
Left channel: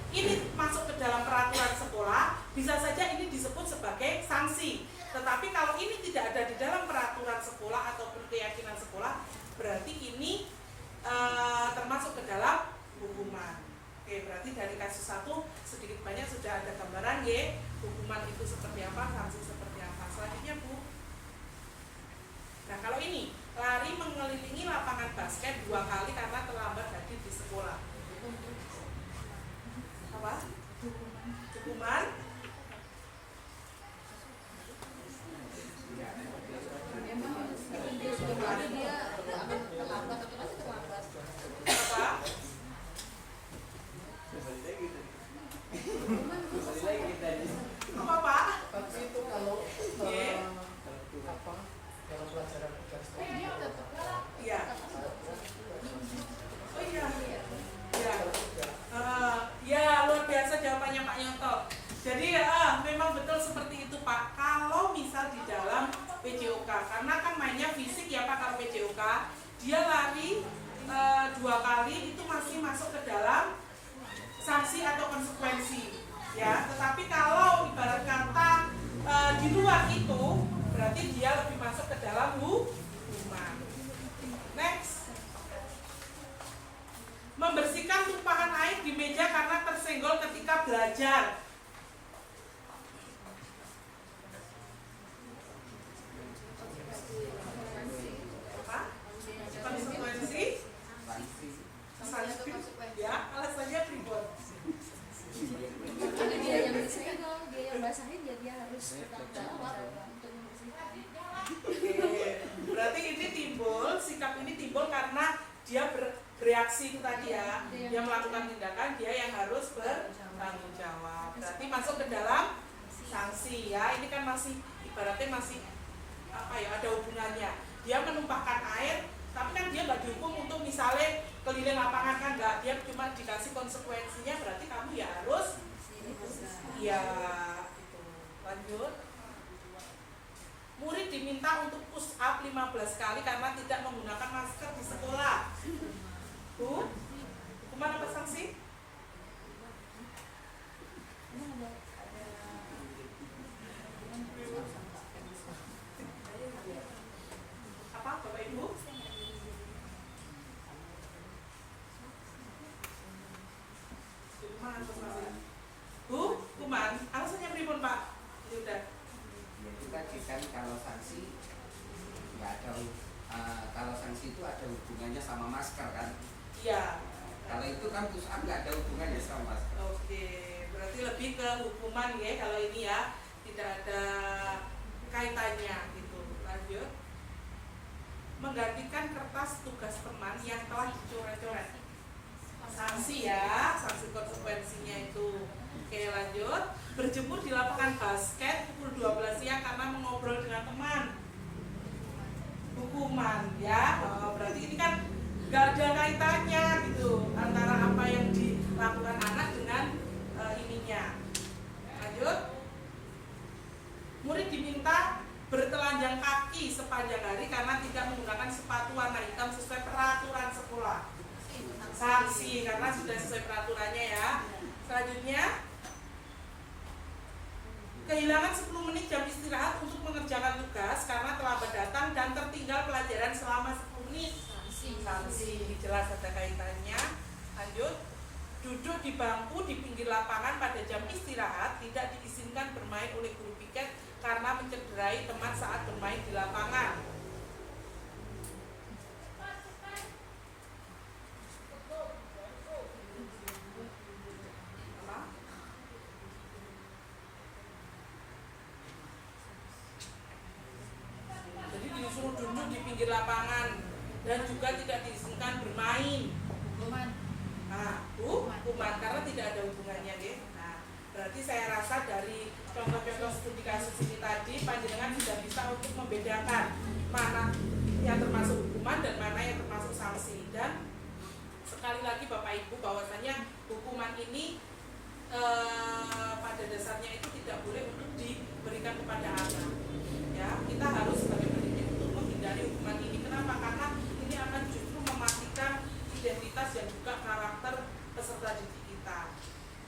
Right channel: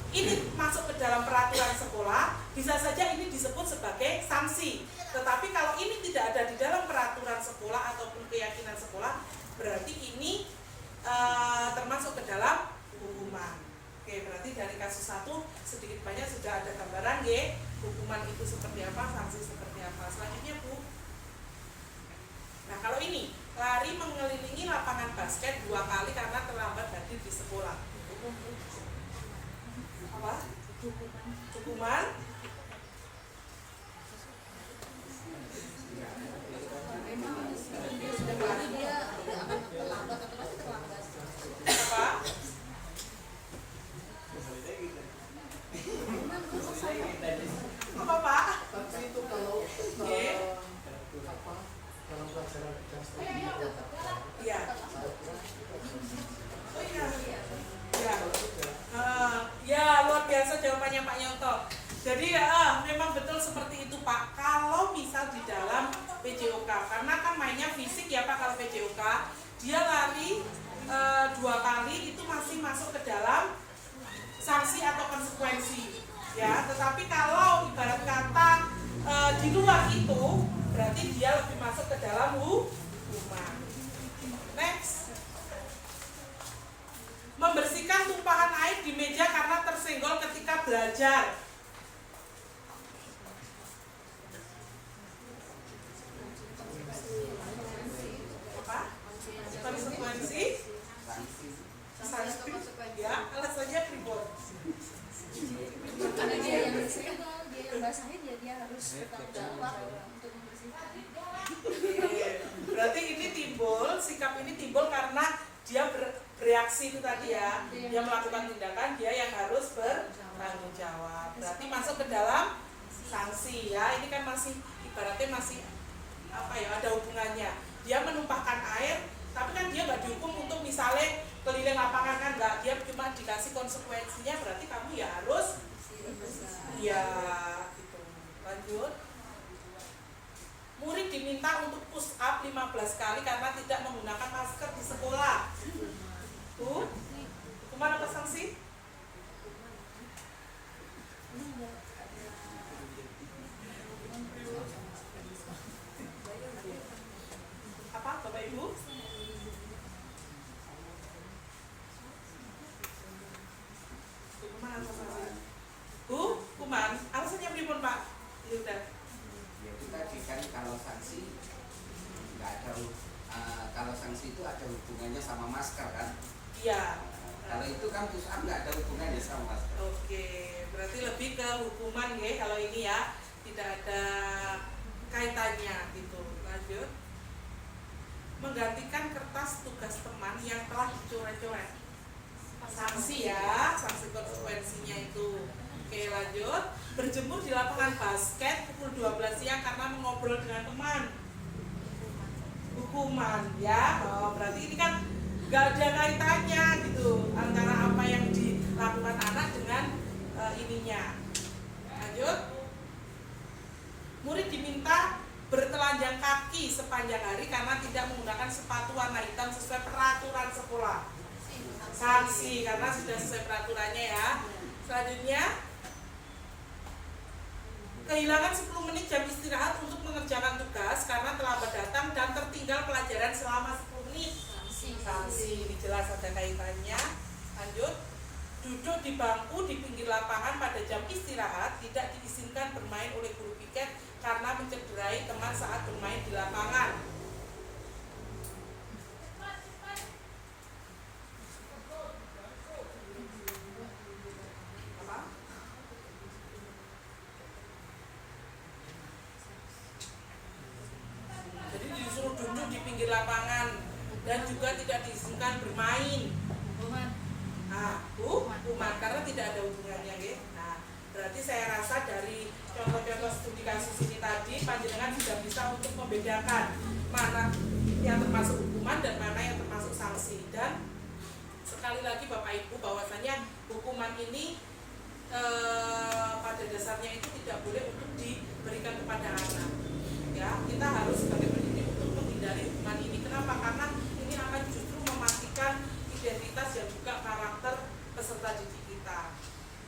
ini masuk ke dalam peraturan sekolah, bisa saja ini disebut sebagai sanksi. Tetapi kalau ini tidak ada di dalam peraturan sekolah ataupun keyakinan sekolah, berarti ini termasuk ke dalam hukuman. Oke, berarti dari kasus 1 sedikit banyak sudah ada gambaran ya, hukuman itu seperti apa, sanksi seperti apa. Selanjutnya Bu. Nah, kalau ini lari mengelilingi lapangan basket 2 kali karena terlambat hadir di sekolah. Apa? Hukuman? Apa? Apa Pak? Tapi itu kalau Iya. Oh iya. Ya. Ya luar biasa jawabannya Pak Nyoto. Jadi memang betul seperti itu Pak. Kalau misal di dalam PJOK, karena kan mainnya fisik ya Pak, kalau PJOK dia lari 2 kali itu masih masuk ke dalam sanksi atau konsekuensi ya. Tetapi kalau ibarat kata di luar itu berarti dia lebih masuk ke dalam hukuman. Next. Membersihkan tumpahan air di meja karena tersenggol ketika belajar. Apa? Konsekuensi? Sanksi? Ya, alasannya ribut. Karena dia yang bersihkan, kalau dia yang basahin ya dia harus bertanggung jawab untuk membersihkan. Oke. Berarti ini timbul, sikap ini timbul karena dia bereaksi itu tadi ya. Dia melakukan tindakan, dia yang harus bertanggung jawab. Berarti masuk ke dalam sanksi ya. Ini kan masih ibaratnya masih apa ya, ada hubungannya. Dia menumpahkan air, tapi kan dia nggak dihukum untuk misalnya keliling lapangan, kan nggak, dia cuma dikasih konsekuensinya, berarti kamu ya harus ya gitu. Lanjut. Murid diminta untuk push up 15 kali karena tidak menggunakan masker di sekolah. Hukuman apa sanksi? Apa Bapak Ibu? Hukuman apa sanksi? Hukuman. Alasannya pripun Pak? Ini udah. Ya itu tadi kan kalau sanksi nggak ada kalau sanksi itu ada hubungannya sama masker kan. Iya. Kalau itu kan push up nggak ada hubungannya sama masker. Oke, berarti lebih ke hukuman ya kalau ini ya, tidak ada kaitannya gitu. Lanjut. Menggantikan kertas tugas teman yang telah dicoret-coret. Sanksi ya, sanksi konsekuensinya itu. Oke, lanjut. Berjemur di lapangan basket pukul 12 siang karena mengobrol dengan teman. Hukuman ya. Oh, berarti ini kan gak ada kaitannya gitu antara apa yang dilakukan anak dengan ininya. Lanjut. Murid diminta bertelanjang kaki sepanjang hari karena tidak menggunakan sepatu warna hitam sesuai peraturan sekolah. Sanksi karena sudah sesuai peraturannya ya. Selanjutnya, kehilangan 10 menit jam istirahat untuk mengerjakan tugas karena terlambat datang dan tertinggal pelajaran selama 10 menit. Sanksi, ini jelas ada kaitannya. Lanjut. Duduk di bangku di pinggir lapangan pada jam istirahat tidak diizinkan bermain oleh guru piket karena mencederai teman saat bermain di lapangan. Apa? Jadi disuruh duduk di pinggir lapangan dan juga tidak diizinkan bermain. Nah, hukuman karena tidak ada hubungannya ya. Nah, berarti saya rasa dari contoh-contoh studi kasus ini tadi panjenengan sudah bisa untuk membedakan mana yang termasuk hukuman dan mana yang termasuk sanksi. Dan sekali lagi Bapak Ibu bahwasanya hukuman ini pada dasarnya itu tidak boleh untuk diberikan kepada anak. Ya, kita harus sebagai pendidik untuk menghindari hukuman ini. Kenapa? Karena ini akan justru mematikan identitas dan juga karakter peserta didik kita.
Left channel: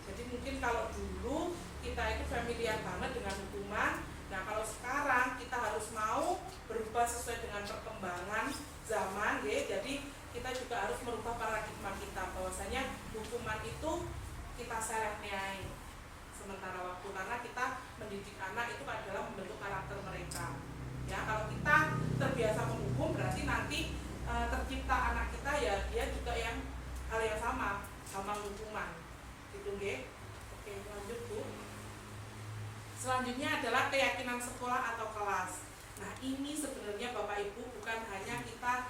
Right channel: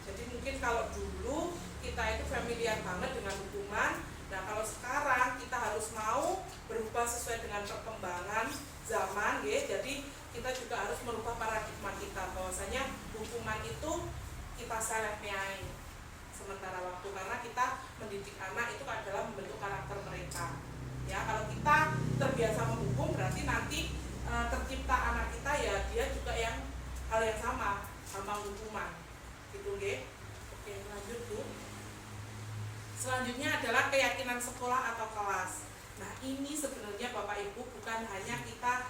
Jadi mungkin kalau dulu kita itu familiar banget dengan hukuman, nah kalau sekarang kita harus mau berubah sesuai dengan perkembangan zaman, ya. Jadi kita juga harus merubah paradigma kita bahwasanya hukuman itu kita selekniai sementara waktu karena kita mendidik anak itu adalah membentuk karakter mereka. Ya, kalau kita terbiasa menghukum berarti nanti tercipta anak kita ya dia juga yang hal yang sama hukuman gitu nggih. Oke, lanjut Bu. Selanjutnya adalah keyakinan sekolah atau kelas. Nah, ini sebenarnya Bapak Ibu bukan hanya kita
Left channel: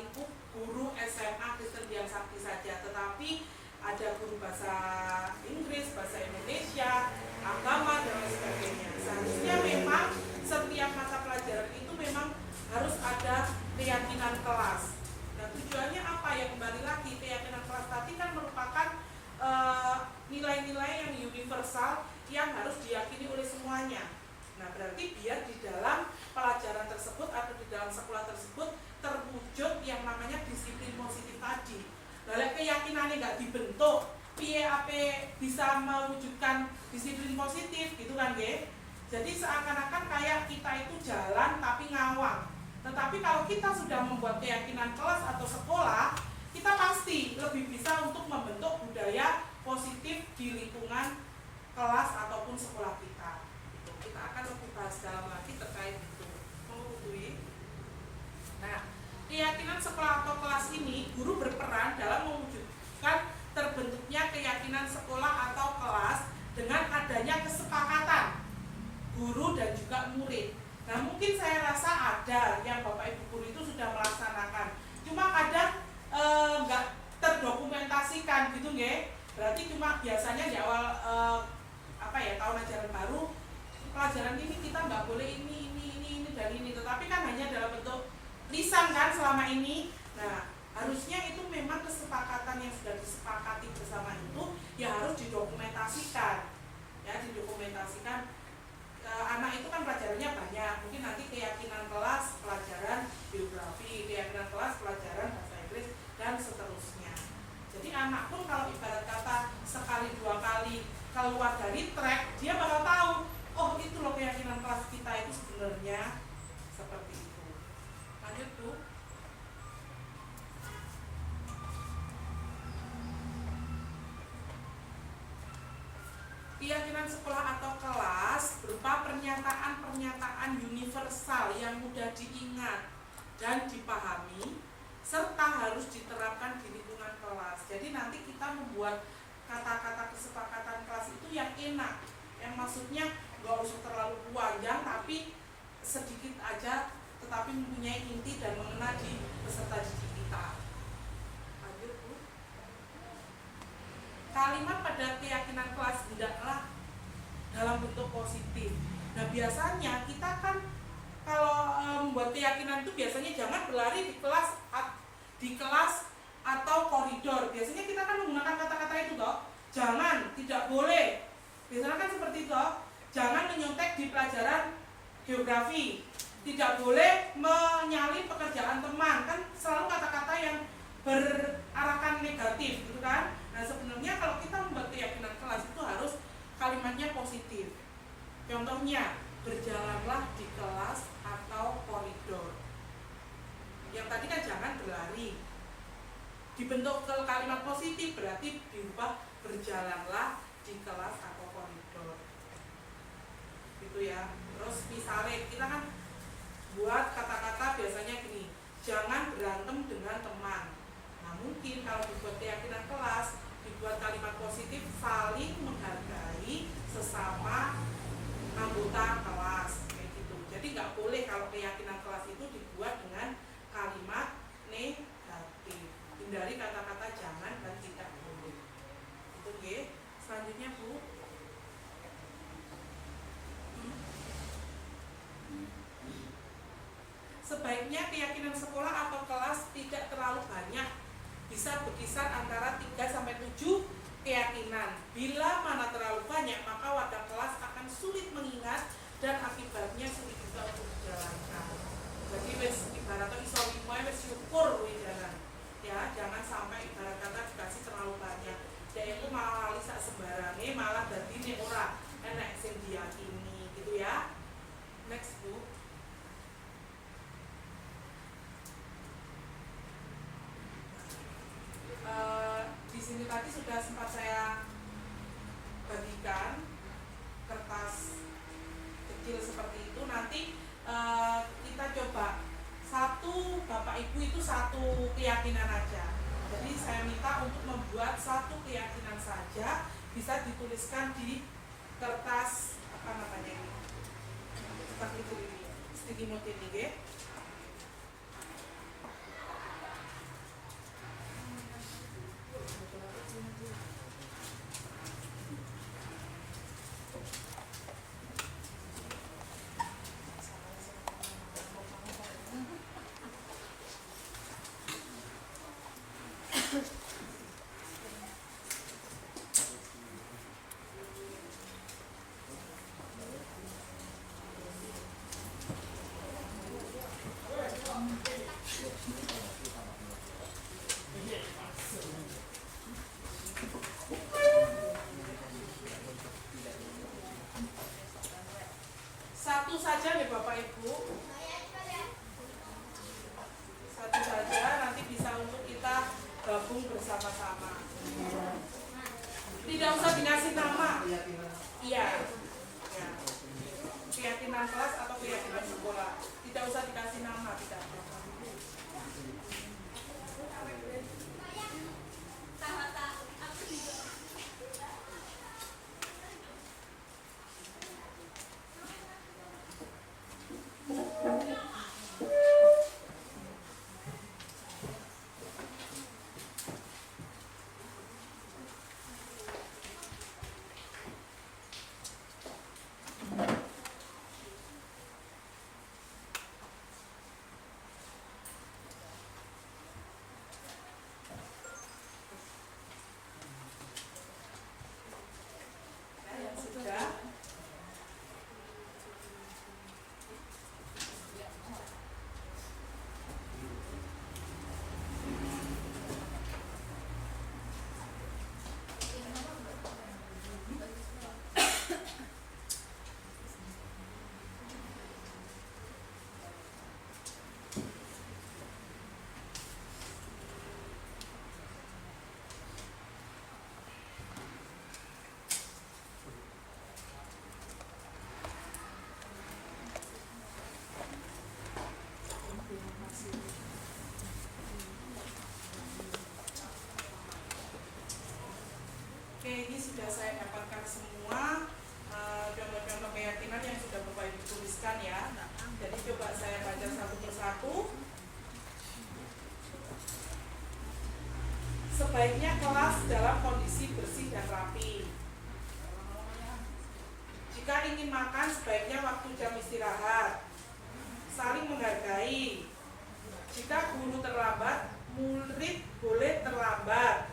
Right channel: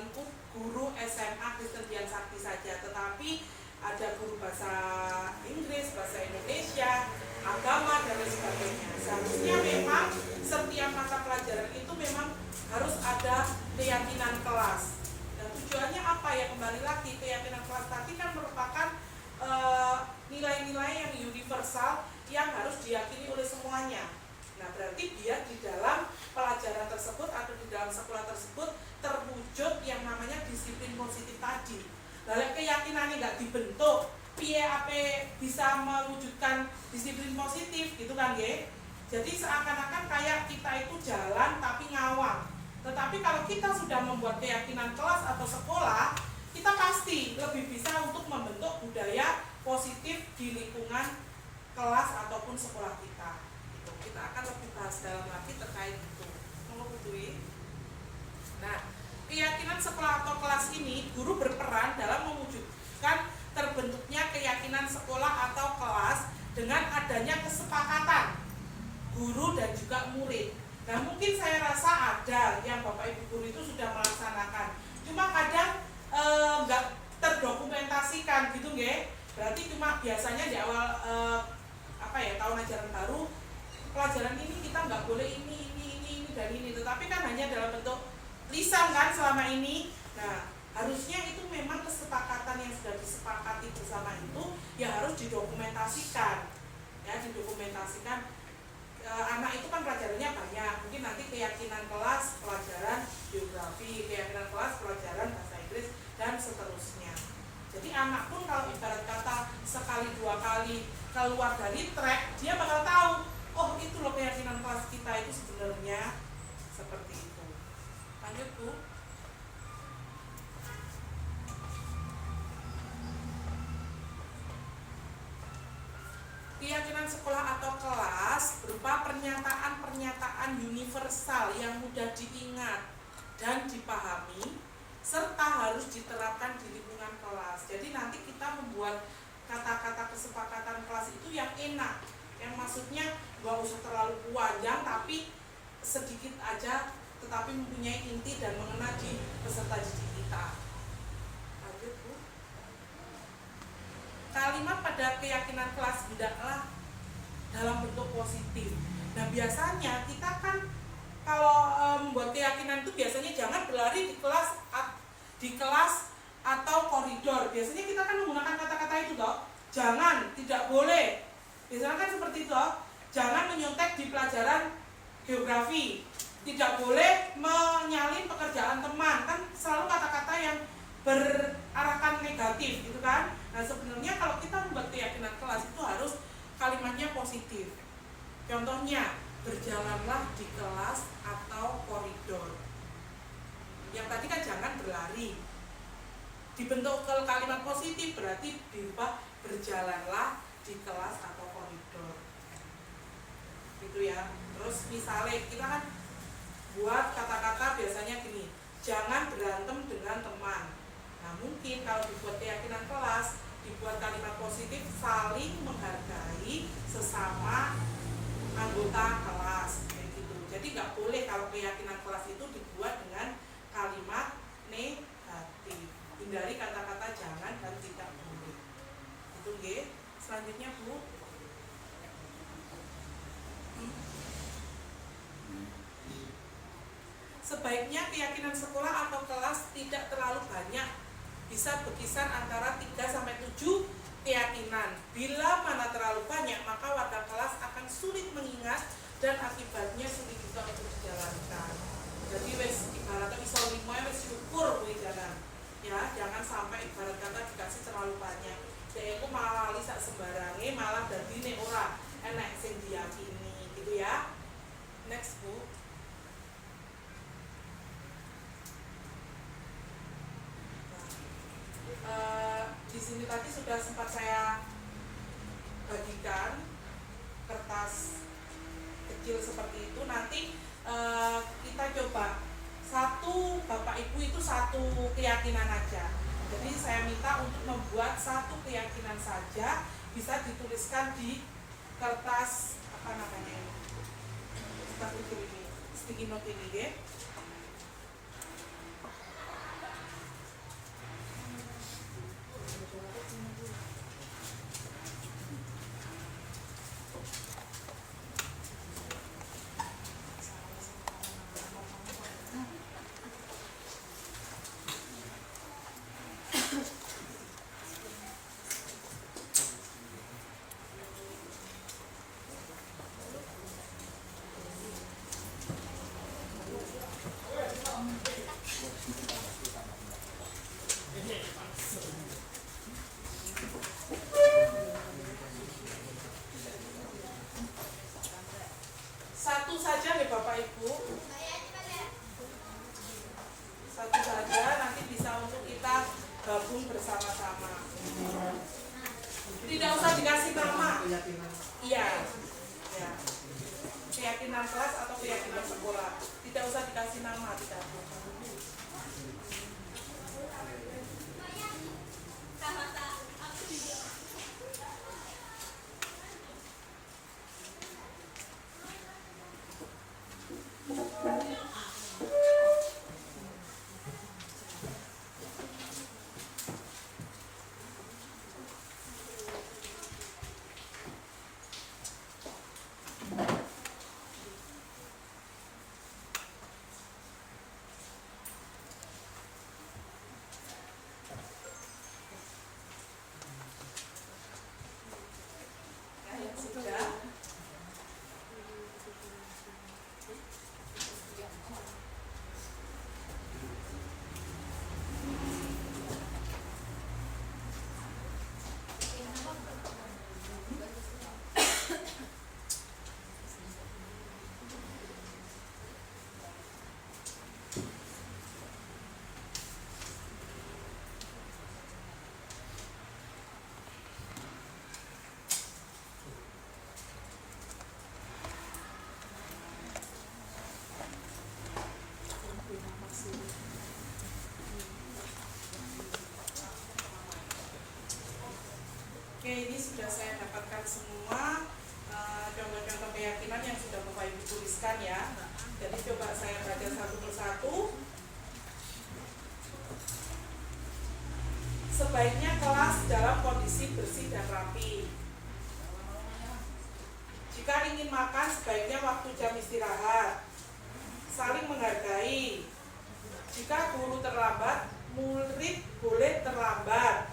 lingkup guru SMA Kristen Dian Sakti saja, tetapi ada guru bahasa Inggris, bahasa Indonesia, agama dan lain sebagainya. Seharusnya memang setiap mata pelajaran itu memang harus ada pada keyakinan kelas. Nah, tujuannya apa ya? Kembali lagi, keyakinan kelas tadi kan merupakan nilai-nilai yang universal yang harus diyakini oleh semuanya. Nah, berarti biar di dalam pelajaran tersebut atau di dalam sekolah tersebut terwujud yang namanya disiplin positif tadi. Lalu keyakinannya nggak dibentuk, piye ape bisa mewujudkan disiplin positif gitu kan ya? Jadi seakan-akan kayak kita itu jalan tapi ngawang. Tetapi kalau kita sudah membuat keyakinan kelas atau sekolah, kita pasti lebih bisa untuk membentuk budaya positif di lingkungan kelas ataupun sekolah kita. Gitu. Kita akan lebih bahas dalam lagi terkait itu. Nah, keyakinan sekolah atau kelas ini, guru berperan dalam mewujudkan terbentuknya keyakinan sekolah atau kelas dengan adanya kesepakatan guru dan juga murid. Nah, mungkin saya rasa ada yang Bapak Ibu guru itu sudah melaksanakan, cuma kadang nggak terdokumentasikan gitu nggih. Berarti cuma biasanya di awal tahun ajaran baru, pelajaran ini kita nggak boleh ini dan ini, tetapi kan hanya dalam bentuk lisan kan selama ini. Nah, harusnya itu memang kesepakatan yang sudah disepakati bersama itu ya harus didokumentasikan. Ya, didokumentasikan. Anak itu kan pelajarannya banyak, mungkin nanti keyakinan kelas pelajaran geografi, keyakinan kelas pelajaran bahasa Inggris dan seterusnya. Jadi anak pun kalau ibarat kata sekali dua kali keluar dari track, dia bakal tahu, oh itu loh keyakinan kelas kita itu sebenarnya seperti itu. Lanjut Bu. Keyakinan sekolah atau kelas berupa pernyataan-pernyataan universal yang mudah diingat dan dipahami serta harus diterapkan di lingkungan kelas. Jadi nanti kita membuat kata-kata kesepakatan kelas itu yang enak, yang maksudnya gak usah terlalu panjang tapi sedikit aja tetapi mempunyai inti dan mengena di peserta didik kita. Lanjut Bu. Kalimat pada keyakinan kelas hendaklah dalam bentuk positif. Nah, biasanya kita kan kalau membuat keyakinan itu biasanya jangan berlari di kelas atau koridor. Biasanya kita kan menggunakan kata-kata itu toh. Jangan, tidak boleh. Biasanya kan seperti itu toh. Jangan menyontek di pelajaran geografi. Tidak boleh menyalin pekerjaan teman. Kan selalu kata-kata yang berarahkan negatif gitu kan. Nah, sebenarnya kalau kita membuat keyakinan kelas itu harus kalimatnya positif. Contohnya, berjalanlah di kelas atau koridor. Yang tadi kan jangan berlari. Dibentuk ke kalimat positif berarti diubah berjalanlah di kelas atau koridor. Gitu ya. Terus misalnya kita kan buat kata-kata biasanya gini, jangan berantem dengan teman. Nah, mungkin kalau dibuat keyakinan kelas, dibuat kalimat positif, saling menghargai sesama anggota kelas kayak gitu. Jadi nggak boleh kalau keyakinan kelas itu dibuat dengan kalimat negatif. Hindari kata-kata jangan dan tidak boleh. Itu nggih. Selanjutnya Bu. Sebaiknya keyakinan sekolah atau kelas tidak terlalu banyak, bisa berkisar antara 3-7 keyakinan. Bila mana terlalu banyak, maka warga kelas akan sulit mengingat dan akibatnya sulit juga untuk dijalankan. Jadi wes ibaratnya iso limoe wes syukur kuwi jalan. Ya, jangan sampai ibarat kata dikasih terlalu banyak. Dia itu malah lali sak sembarange, malah dadine ora enek sing diyakini gitu ya. Next Bu. Di sini tadi sudah sempat saya bagikan kertas kecil seperti itu. Nanti kita coba satu Bapak Ibu itu satu keyakinan aja. Jadi saya minta untuk membuat satu keyakinan saja, bisa dituliskan di kertas apa namanya ini, kertas itu ini, sticky note ini ya. Sudah. Oke, ini sudah saya dapatkan semua contoh-contoh keyakinan yang sudah Bapak Ibu tuliskan ya. Jadi coba saya baca satu persatu. Sebaiknya kelas dalam kondisi bersih dan rapi. Jika ingin makan, sebaiknya waktu jam istirahat. Saling menghargai. Jika guru terlambat, murid boleh terlambat.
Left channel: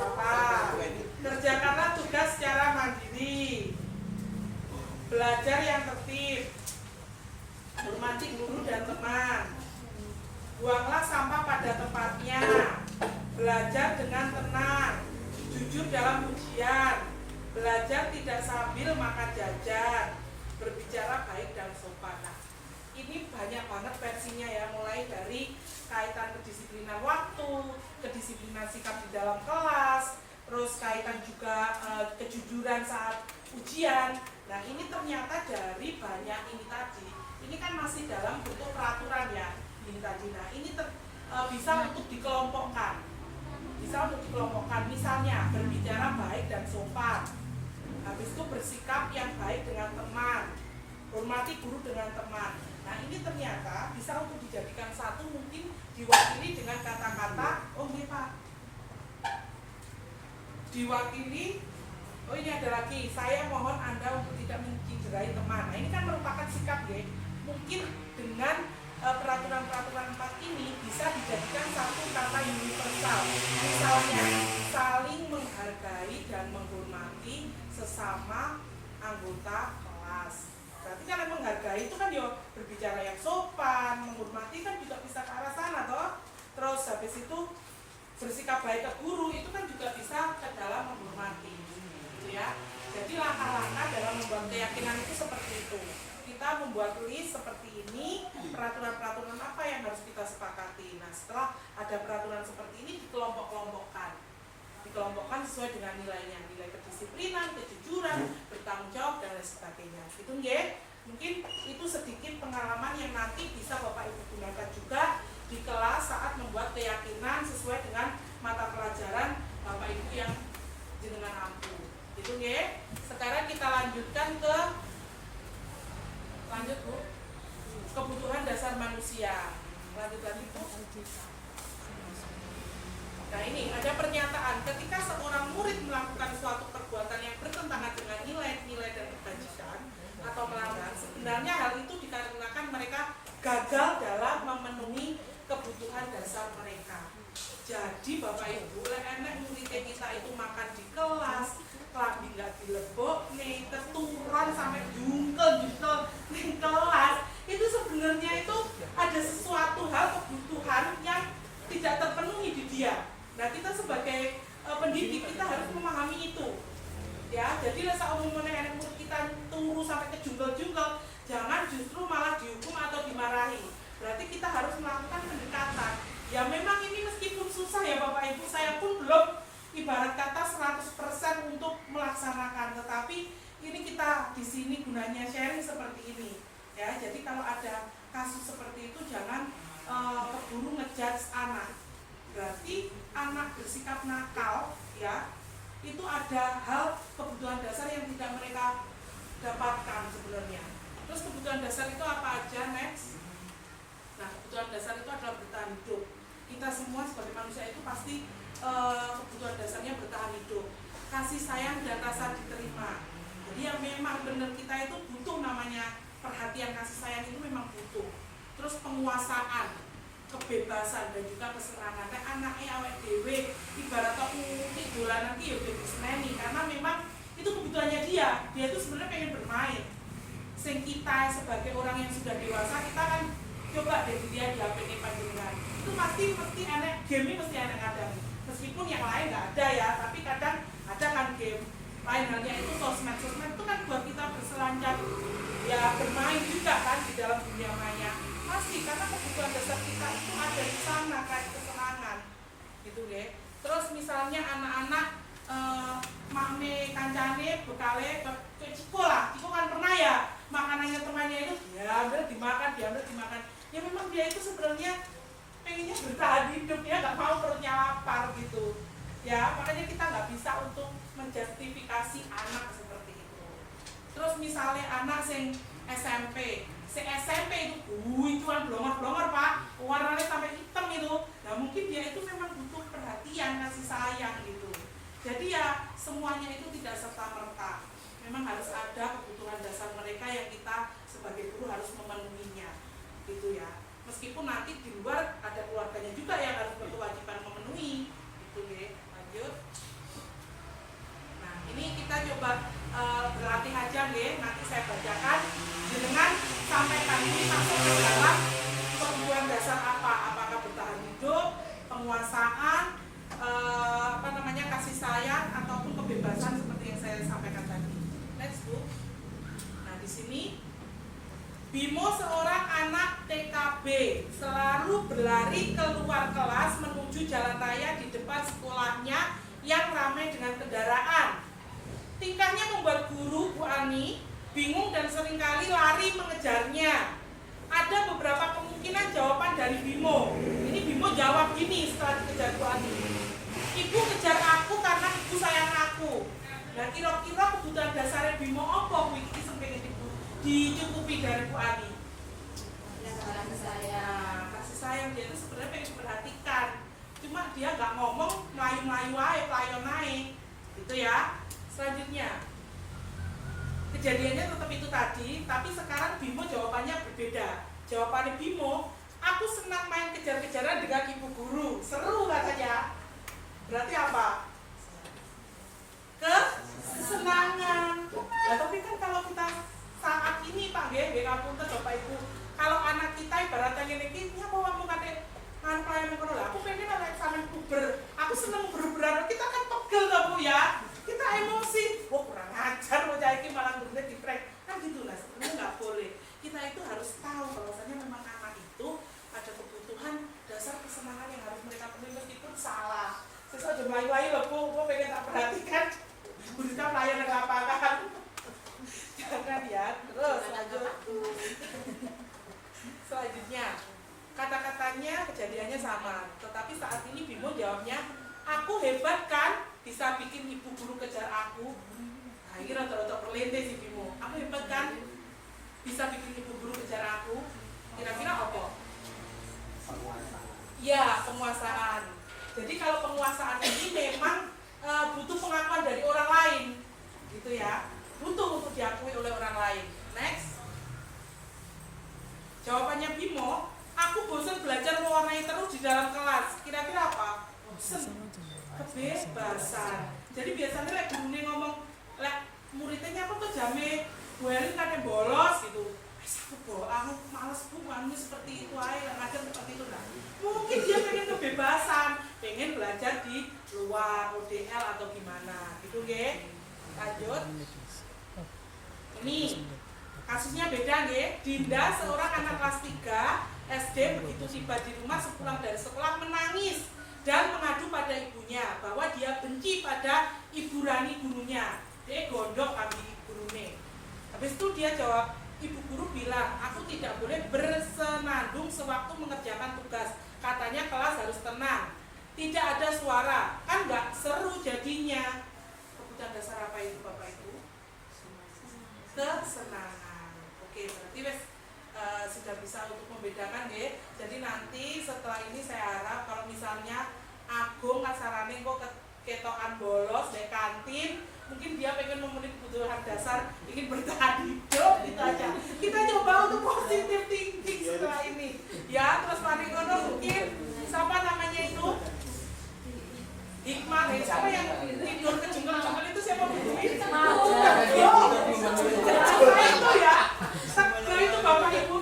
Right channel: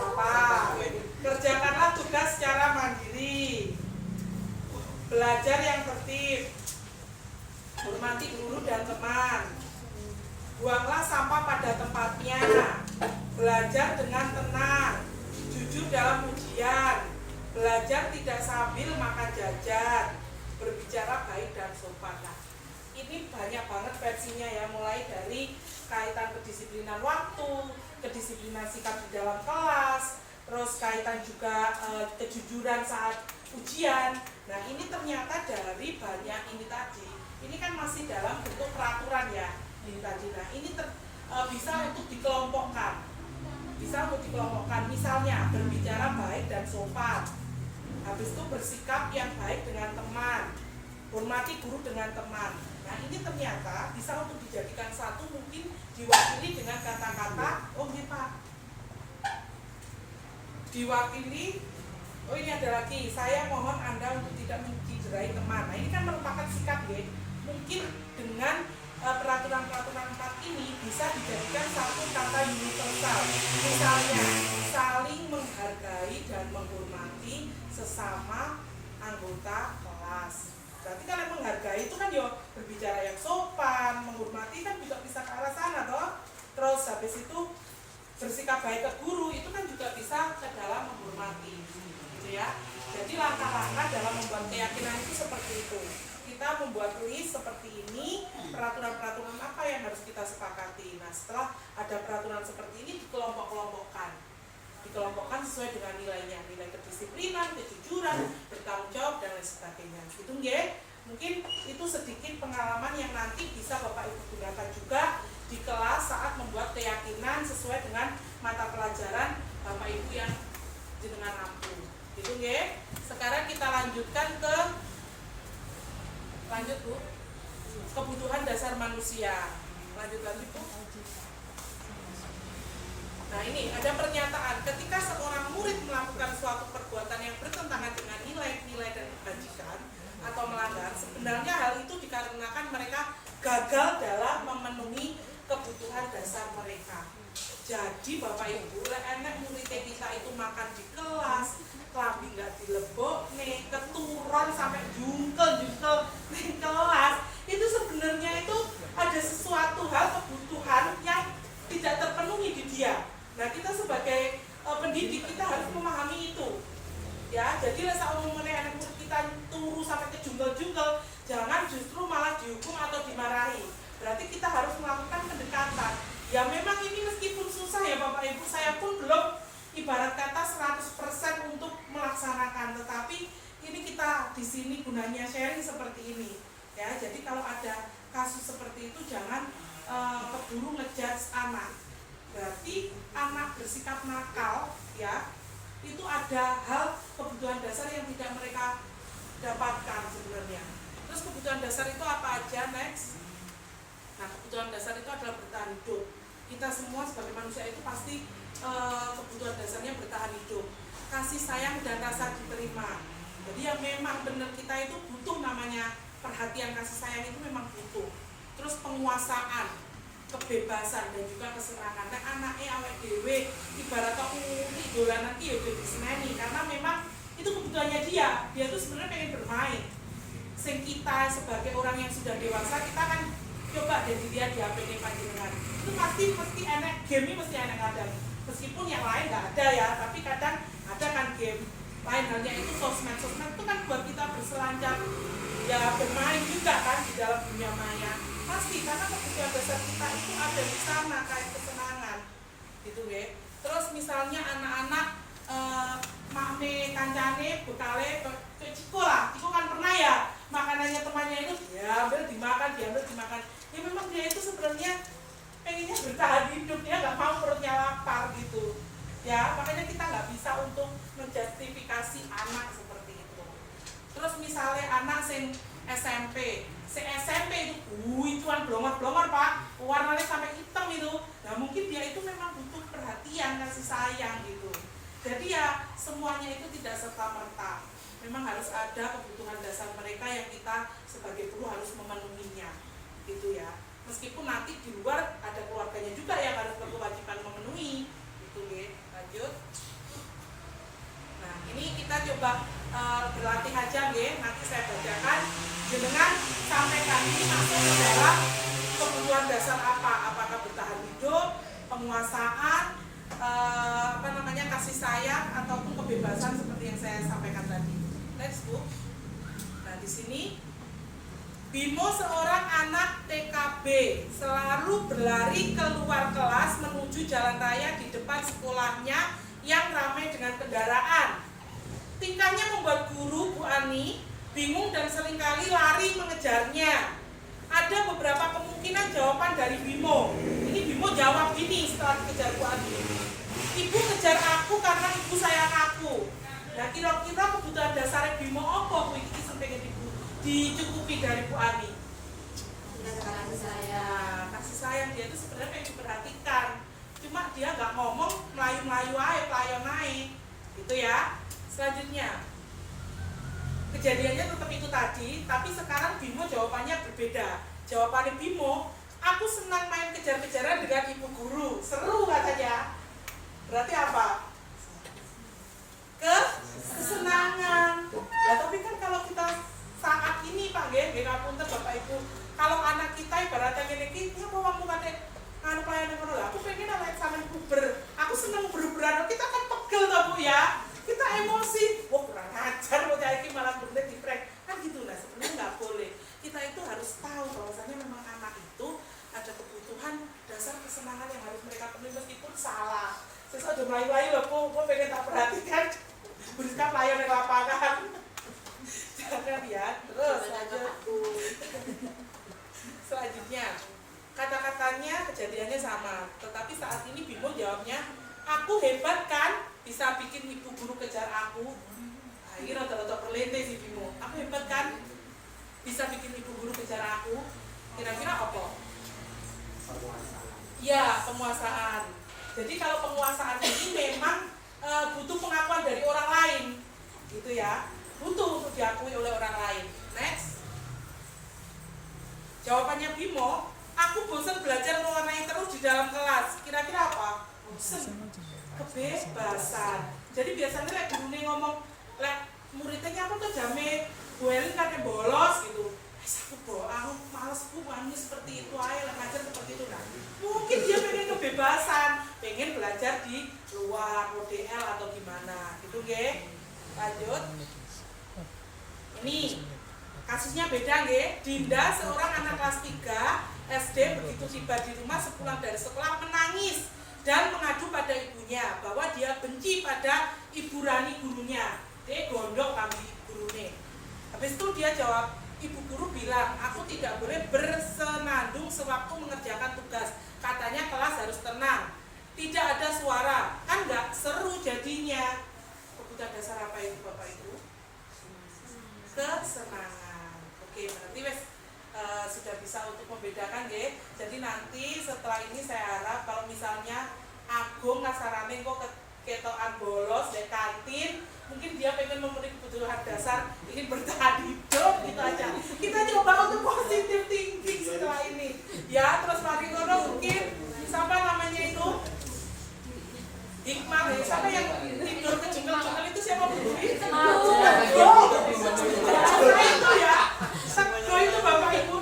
Apa? Kerjakanlah tugas secara mandiri. Belajar yang tertib. Hormati guru dan teman. Buanglah sampah pada tempatnya. Belajar dengan tenang. Jujur dalam ujian. Belajar tidak sambil makan jajan. Berbicara baik dan sopan. Nah, ini banyak banget versinya ya, mulai dari kaitan kedisiplinan waktu, kedisiplinan sikap di dalam kelas, terus kaitan juga kejujuran saat ujian. Nah, ini ternyata dari banyak ini tadi. Ini kan masih dalam bentuk peraturan ya, ini tadi. Nah, ini bisa untuk dikelompokkan. Bisa untuk dikelompokkan. Misalnya berbicara baik dan sopan. Habis itu bersikap yang baik dengan teman. Hormati guru dengan teman. Nah, ini ternyata bisa untuk dijadikan satu, mungkin diwakili dengan kata-kata, oh ini Pak, diwakili, oh ini ada lagi, saya mohon Anda untuk tidak mencederai teman. Nah, ini kan merupakan sikap ya, mungkin dengan peraturan-peraturan 4 ini bisa dijadikan satu kata universal. Misalnya, saling menghargai dan menghormati sesama anggota kelas. Berarti kalau menghargai itu kan ya berbicara yang sopan, menghormati kan juga bisa ke arah sana toh. Terus habis itu bersikap baik ke guru itu kan juga bisa ke dalam menghormati, gitu ya. Jadi langkah-langkah dalam membuat keyakinan itu seperti itu. Kita membuat list seperti ini, peraturan-peraturan apa yang harus kita sepakati. Nah, setelah ada peraturan seperti ini dikelompok-kelompokkan. Dikelompokkan sesuai dengan nilainya, nilai kedisiplinan, kejujuran, bertanggung jawab dan lain sebagainya. Itu nggih. Mungkin itu sedikit pengalaman yang nanti bisa Bapak Ibu gunakan juga di kelas saat membuat keyakinan sesuai dengan mata pelajaran Bapak Ibu yang jenengan ampuh. Itu nggih. Sekarang kita lanjutkan ke Bu. Kebutuhan dasar manusia. Lanjut lagi Bu. Nah, ini ada pernyataan ketika seorang murid melakukan suatu perbuatan yang bertentangan dengan nilai-nilai dan kebajikan atau melanggar, sebenarnya hal itu dikarenakan mereka gagal dalam memenuhi kebutuhan dasar mereka. Jadi Bapak Ibu, enek murid kita itu makan di kelas, klambi nggak dilebok nih, keturun sampai jungkel di kelas, itu sebenarnya itu ada sesuatu hal kebutuhan yang tidak terpenuhi di dia. Nah, kita sebagai pendidik kita harus memahami itu. Ya, jadi rasa umumnya anak murid kita turu sampai ke jungkel-jungkel, jangan justru malah dihukum atau dimarahi. Berarti kita harus melakukan pendekatan. Ya memang ini meskipun susah ya Bapak Ibu, saya pun belum ibarat kata 100% untuk melaksanakan, tetapi ini kita di sini gunanya sharing seperti ini. Ya, jadi kalau ada kasus seperti itu jangan keburu ngejudge anak. Berarti anak bersikap nakal ya, itu ada hal kebutuhan dasar yang tidak mereka dapatkan sebenarnya. Terus kebutuhan dasar itu apa aja? Next. Nah, kebutuhan dasar itu adalah bertahan hidup. Kita semua sebagai manusia itu pasti kebutuhan dasarnya bertahan hidup. Kasih sayang dan rasa diterima. Jadi yang memang benar kita itu butuh namanya perhatian, kasih sayang itu memang butuh. Terus penguasaan, kebebasan dan juga kesenangan. Nek anake awake dhewe ibarat unik dolanan ki yo diseneni karena memang itu kebutuhannya dia. Dia tuh sebenarnya pengen bermain. Sing kita sebagai orang yang sudah dewasa kita kan coba deh dia di HP ini panjenengan. Itu mesti enek game mesti enek ngadani. Meskipun yang lain nggak ada ya, tapi kadang ada kan game. Lain halnya itu sosmed itu kan buat kita berselancar ya bermain juga kan di dalam dunia maya. Pasti karena kebutuhan dasar kita itu ada di sana kayak kesenangan gitu ya. Terus misalnya anak-anak makme kancane bekale ke Ciko lah. Ciko kan pernah ya makanannya temannya itu diambil dimakan. Ya memang dia itu sebenarnya pengennya bertahan hidup, dia nggak mau perutnya lapar gitu. Ya makanya kita nggak bisa untuk menjustifikasi anak seperti itu. Terus misalnya anak sing SMP itu kan blongor pak, warnanya sampai hitam itu. Nah mungkin dia itu memang butuh perhatian, kasih sayang gitu. Jadi ya semuanya itu tidak serta merta. Memang harus ada kebutuhan dasar mereka yang kita sebagai guru harus memenuhinya, gitu ya. Meskipun nanti di luar ada keluarganya juga yang harus berkewajiban memenuhi, gitu ya. Lanjut. Nah ini kita coba berlatih aja ya. Nanti saya bacakan. Jenengan sampaikan ini masuk ke dalam kebutuhan dasar apa? Apakah bertahan hidup, penguasaan, kasih sayang ataupun kebebasan seperti yang saya sampaikan tadi. Next book. Nah di sini Bimo seorang anak TKB selalu berlari keluar kelas menuju jalan raya di depan sekolahnya yang ramai dengan kendaraan. Tingkahnya membuat guru Bu Ani bingung dan seringkali lari mengejarnya. Ada beberapa kemungkinan jawaban dari Bimo. Ini Bimo jawab gini setelah dikejar Bu Ani. Ibu kejar aku karena ibu sayang aku. Nah kira-kira kebutuhan dasar Bimo apa Bu iki sing pengen dicukupi dari Bu Ani? Kasih sayang. Kasih sayang, dia itu sebenarnya pengen diperhatikan. Cuma dia nggak ngomong, melayu-melayu aja, pelayon naik. Gitu ya. Selanjutnya kejadiannya tetap itu tadi, tapi sekarang Bimo jawabannya berbeda. Jawabannya Bimo, aku senang main kejar-kejaran dengan ibu guru. Seru katanya. Berarti apa? Kesenangan. Nah, tapi kan kalau kita saat ini Pak nggih ngapunten Bapak Ibu, kalau anak kita ibaratnya ngene iki, ya apa kamu kate anu pelayanan ngono lho. Aku pengen anak sampean puber. Aku seneng ber-beran. Kita kan pegel to Bu ya. Kita emosi, wah kurang ajar loh iki malah bener diprank. Kan gitu lah, sebenarnya nggak boleh. Kita itu harus tahu bahwasanya memang anak itu ada kebutuhan dasar kesenangan yang harus mereka penuhi meskipun salah. Sesuatu melayu-layu loh Bu pengen tak perhatikan. Berusaha pelayan yang lapangan. Jangan ya. Terus lanjut. Selanjutnya kata-katanya kejadiannya sama, tetapi saat ini Bimo jawabnya, aku hebat kan bisa bikin ibu guru kejar aku. Akhirnya rata-rata perlente si Bimo. Aku hebat kan bisa bikin ibu guru kejar aku. Kira-kira apa? Ya, penguasaan. Jadi kalau penguasaan ini memang butuh pengakuan dari orang lain, gitu ya. Butuh untuk diakui oleh orang lain. Next. Jawabannya Bimo, aku bosan belajar mewarnai terus di dalam kelas. Kira-kira apa? Bosan. Kebebasan. Jadi biasanya lek gurune ngomong, lek muridnya apa tuh jame buelin kan yang bolos gitu. Aku males Bu, anu seperti itu aja, ngajar seperti itu. Nah, mungkin dia pengen kebebasan, pengen belajar di luar ODL atau gimana, gitu nggih. Lanjut. Ini kasusnya beda nggih. Dinda seorang anak kelas 3 SD begitu tiba di rumah sepulang dari sekolah menangis dan mengadu pada ibunya bahwa dia benci pada Ibu Rani gurunya. Dia gondok kami gurunya. Habis itu dia jawab, ibu guru bilang, aku tidak boleh bersenandung sewaktu mengerjakan tugas. Katanya kelas harus tenang, tidak ada suara, kan nggak seru jadinya. Kebutuhan dasar apa itu Bapak Ibu? Kesenangan. Oke, berarti wes sudah bisa untuk membedakan ya. Jadi nanti setelah ini saya harap kalau misalnya Agung kasarane kok ketokan bolos di kantin, mungkin dia pengen memenuhi kebutuhan dasar, ingin bertahan hidup, gitu aja. Kita coba untuk positive thinking setelah ini. Ya, terus mari ngono mungkin siapa namanya itu? Hikmah ya, siapa yang tidur kejengkel-jengkel itu siapa Bu? Itu ya. Sego itu Bapak Ibu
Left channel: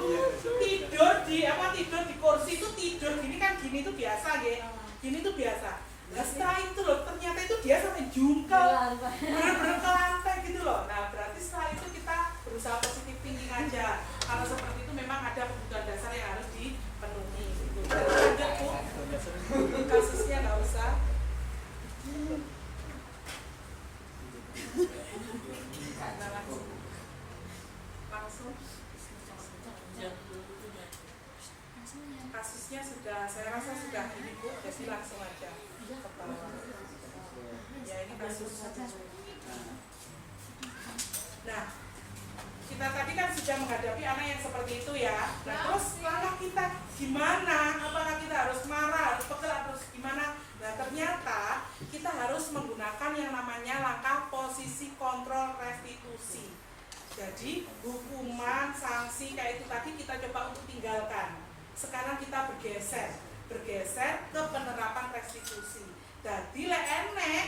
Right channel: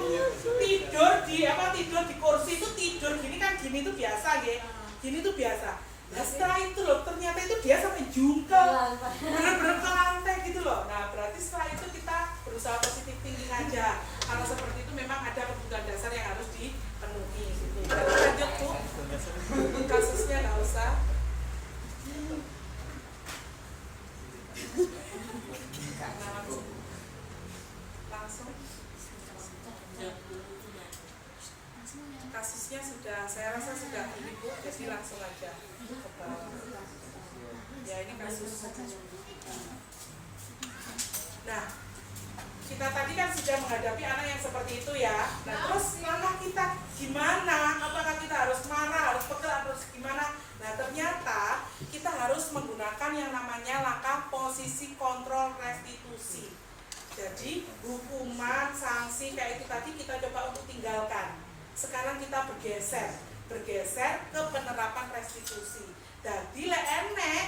tidur di kursi itu tidur gini kan, gini itu biasa ya. Gini tuh biasa. Nah setelah itu loh, ternyata itu dia sampai jungkel, bener-bener ke lantai gitu loh. Nah berarti setelah itu kita berusaha positif thinking aja. Kalau seperti itu memang ada kebutuhan dasar yang harus dipenuhi gitu. Jadi lanjut Bu, kasusnya nggak usah. Nah, langsung. Kasusnya sudah, saya rasa sudah ini Bu, jadi langsung aja ke bawah. Ya ini kasus. Nah, kita tadi kan sudah menghadapi anak yang seperti itu ya. Nah terus langkah kita gimana? Apakah kita harus marah, harus pegel, harus gimana? Nah ternyata kita harus menggunakan yang namanya langkah posisi kontrol restitusi. Jadi hukuman, sanksi kayak itu tadi kita coba untuk tinggalkan. Sekarang kita bergeser ke penerapan restitusi. Jadi lek enek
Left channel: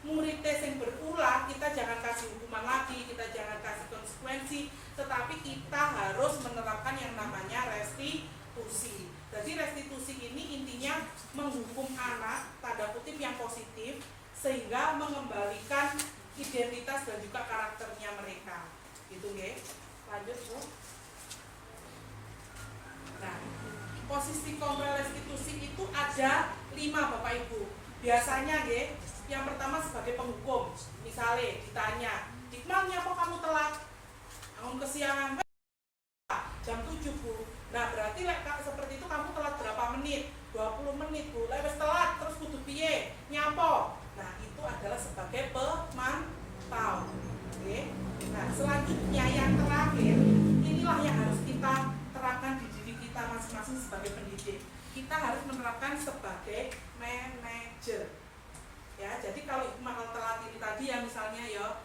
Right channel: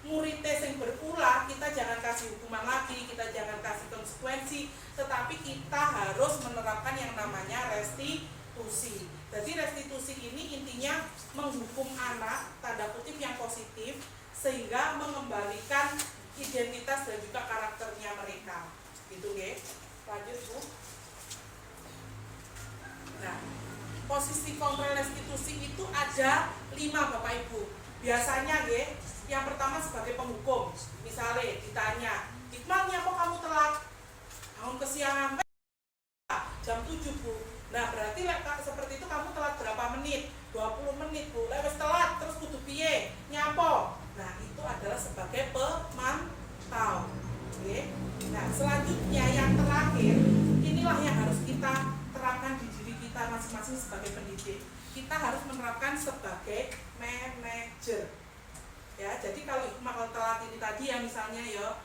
muridnya yang berulah, kita jangan kasih hukuman lagi, kita jangan kasih konsekuensi, tetapi kita harus menerapkan yang namanya restitusi. Jadi restitusi ini intinya menghukum anak, tanda kutip yang positif, sehingga mengembalikan identitas dan juga karakternya mereka. Gitu ya. Lanjut Bu. Nah, posisi kontrol restitusi itu ada 5 Bapak Ibu. Biasanya ya, yang pertama sebagai penghukum. Misalnya ditanya, Hikmahnya kok kamu telat? Kamu kesiangan jam 7 Bu. Nah berarti seperti itu kamu telat berapa menit? 20 menit Bu. Lek wis telat terus kudu piye? Nyapo. Nah itu adalah sebagai pemantau. Oke. Nah selanjutnya yang terakhir, inilah yang harus kita terapkan di diri kita masing-masing sebagai pendidik. Kita harus menerapkan sebagai manajer. Ya, jadi kalau Hikmah telat ini tadi ya misalnya ya,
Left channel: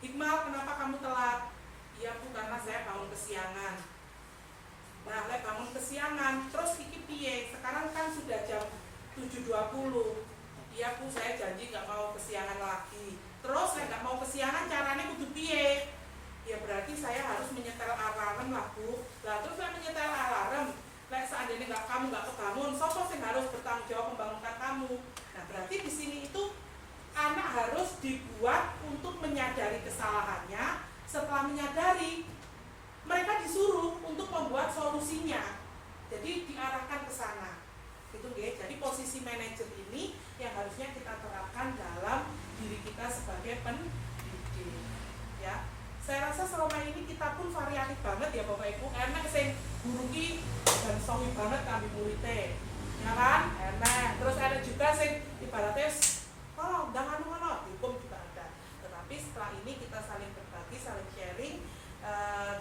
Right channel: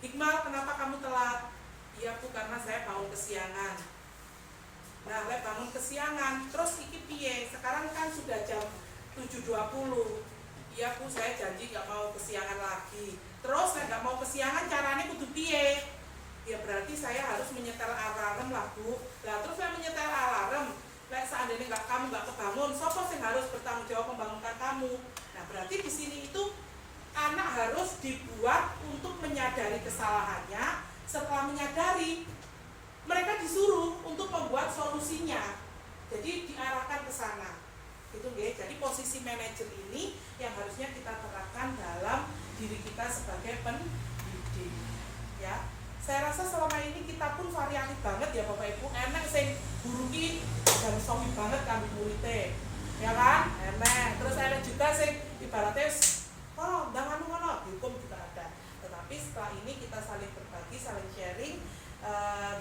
Hikmah kenapa kamu telat? Iya Bu, karena saya bangun kesiangan. Nah, saya bangun kesiangan, terus iki piye? Sekarang kan sudah jam 7.20. Iya Bu, saya janji nggak mau kesiangan lagi. Terus saya nggak mau kesiangan, caranya kudu piye? Ya berarti saya harus menyetel alarm lah Bu. Nah, terus saya menyetel alarm. Nah, seandainya kamu nggak kebangun, siapa sih harus bertanggung jawab membangunkan kamu? Nah, berarti di sini itu anak harus dibuat untuk menyadari kesalahannya. Setelah menyadari, mereka disuruh untuk membuat solusinya. Jadi diarahkan ke sana. Gitu ya. Jadi posisi manajer ini yang harusnya kita terapkan dalam diri kita sebagai pendidik. Ya. Saya rasa selama ini kita pun variatif banget ya Bapak Ibu. Enak sing guru ki dan sohi banget kami muridnya. Ya kan? Enak. Terus enak juga sing ibaratnya oh, jangan ngono, hukum juga ada. Tetapi setelah ini kita saling berbagi, saling sharing,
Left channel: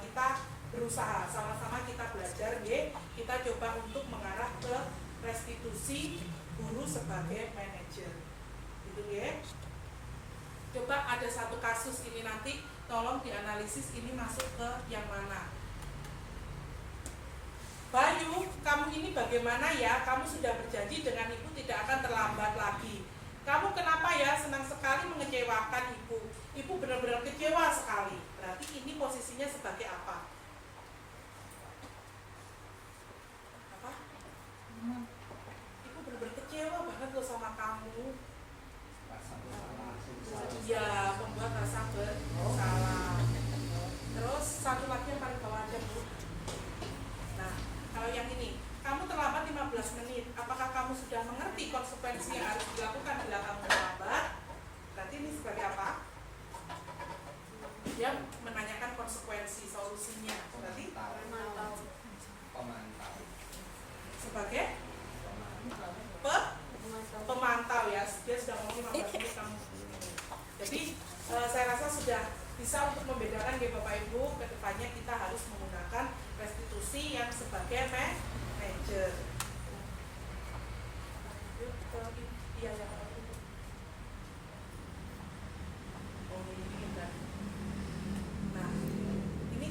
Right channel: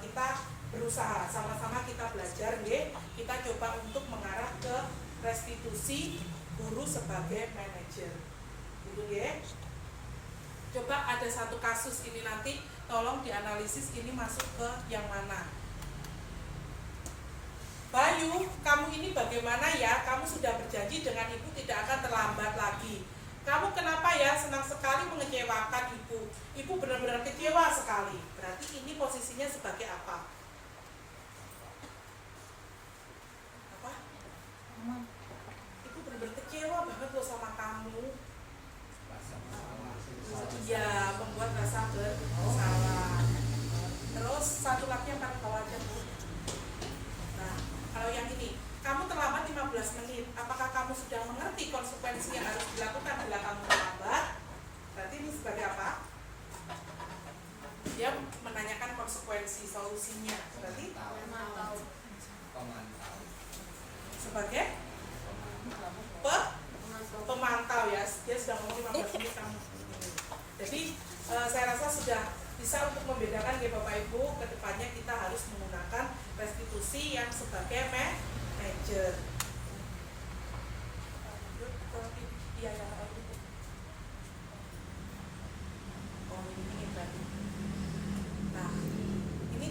kita berusaha sama-sama kita belajar ya. Kita coba untuk mengarah ke restitusi guru sebagai manajer. Gitu ya. Coba ada satu kasus ini nanti tolong dianalisis ini masuk ke yang mana. Bayu, kamu ini bagaimana ya? Kamu sudah berjanji dengan ibu tidak akan terlambat lagi. Kamu kenapa ya senang sekali mengecewakan ibu? Ibu benar-benar kecewa sekali. Berarti ini posisinya sebagai apa? Apa? Ibu benar-benar kecewa banget loh sama kamu. Ya, membuat rasa bersalah. Terus satu lagi yang paling bawah aja Bu. Nah, kalau yang ini, kamu terlambat 15 menit. Apakah kamu sudah mengerti konsekuensi yang harus dilakukan bila kamu terlambat? Berarti ini sebagai apa? dia menanyakan konsekuensi solusinya. Berarti Memantau. Pemantau. sebagai Memantau. pemantau ya, dia sudah ngomong 15 menit kamu. Jadi saya rasa sudah bisa untuk membedakan ya Bapak Ibu, kedepannya kita harus menggunakan restitusi yang sebagai manajer. Iya ya. Oh ini tadi. Nah ini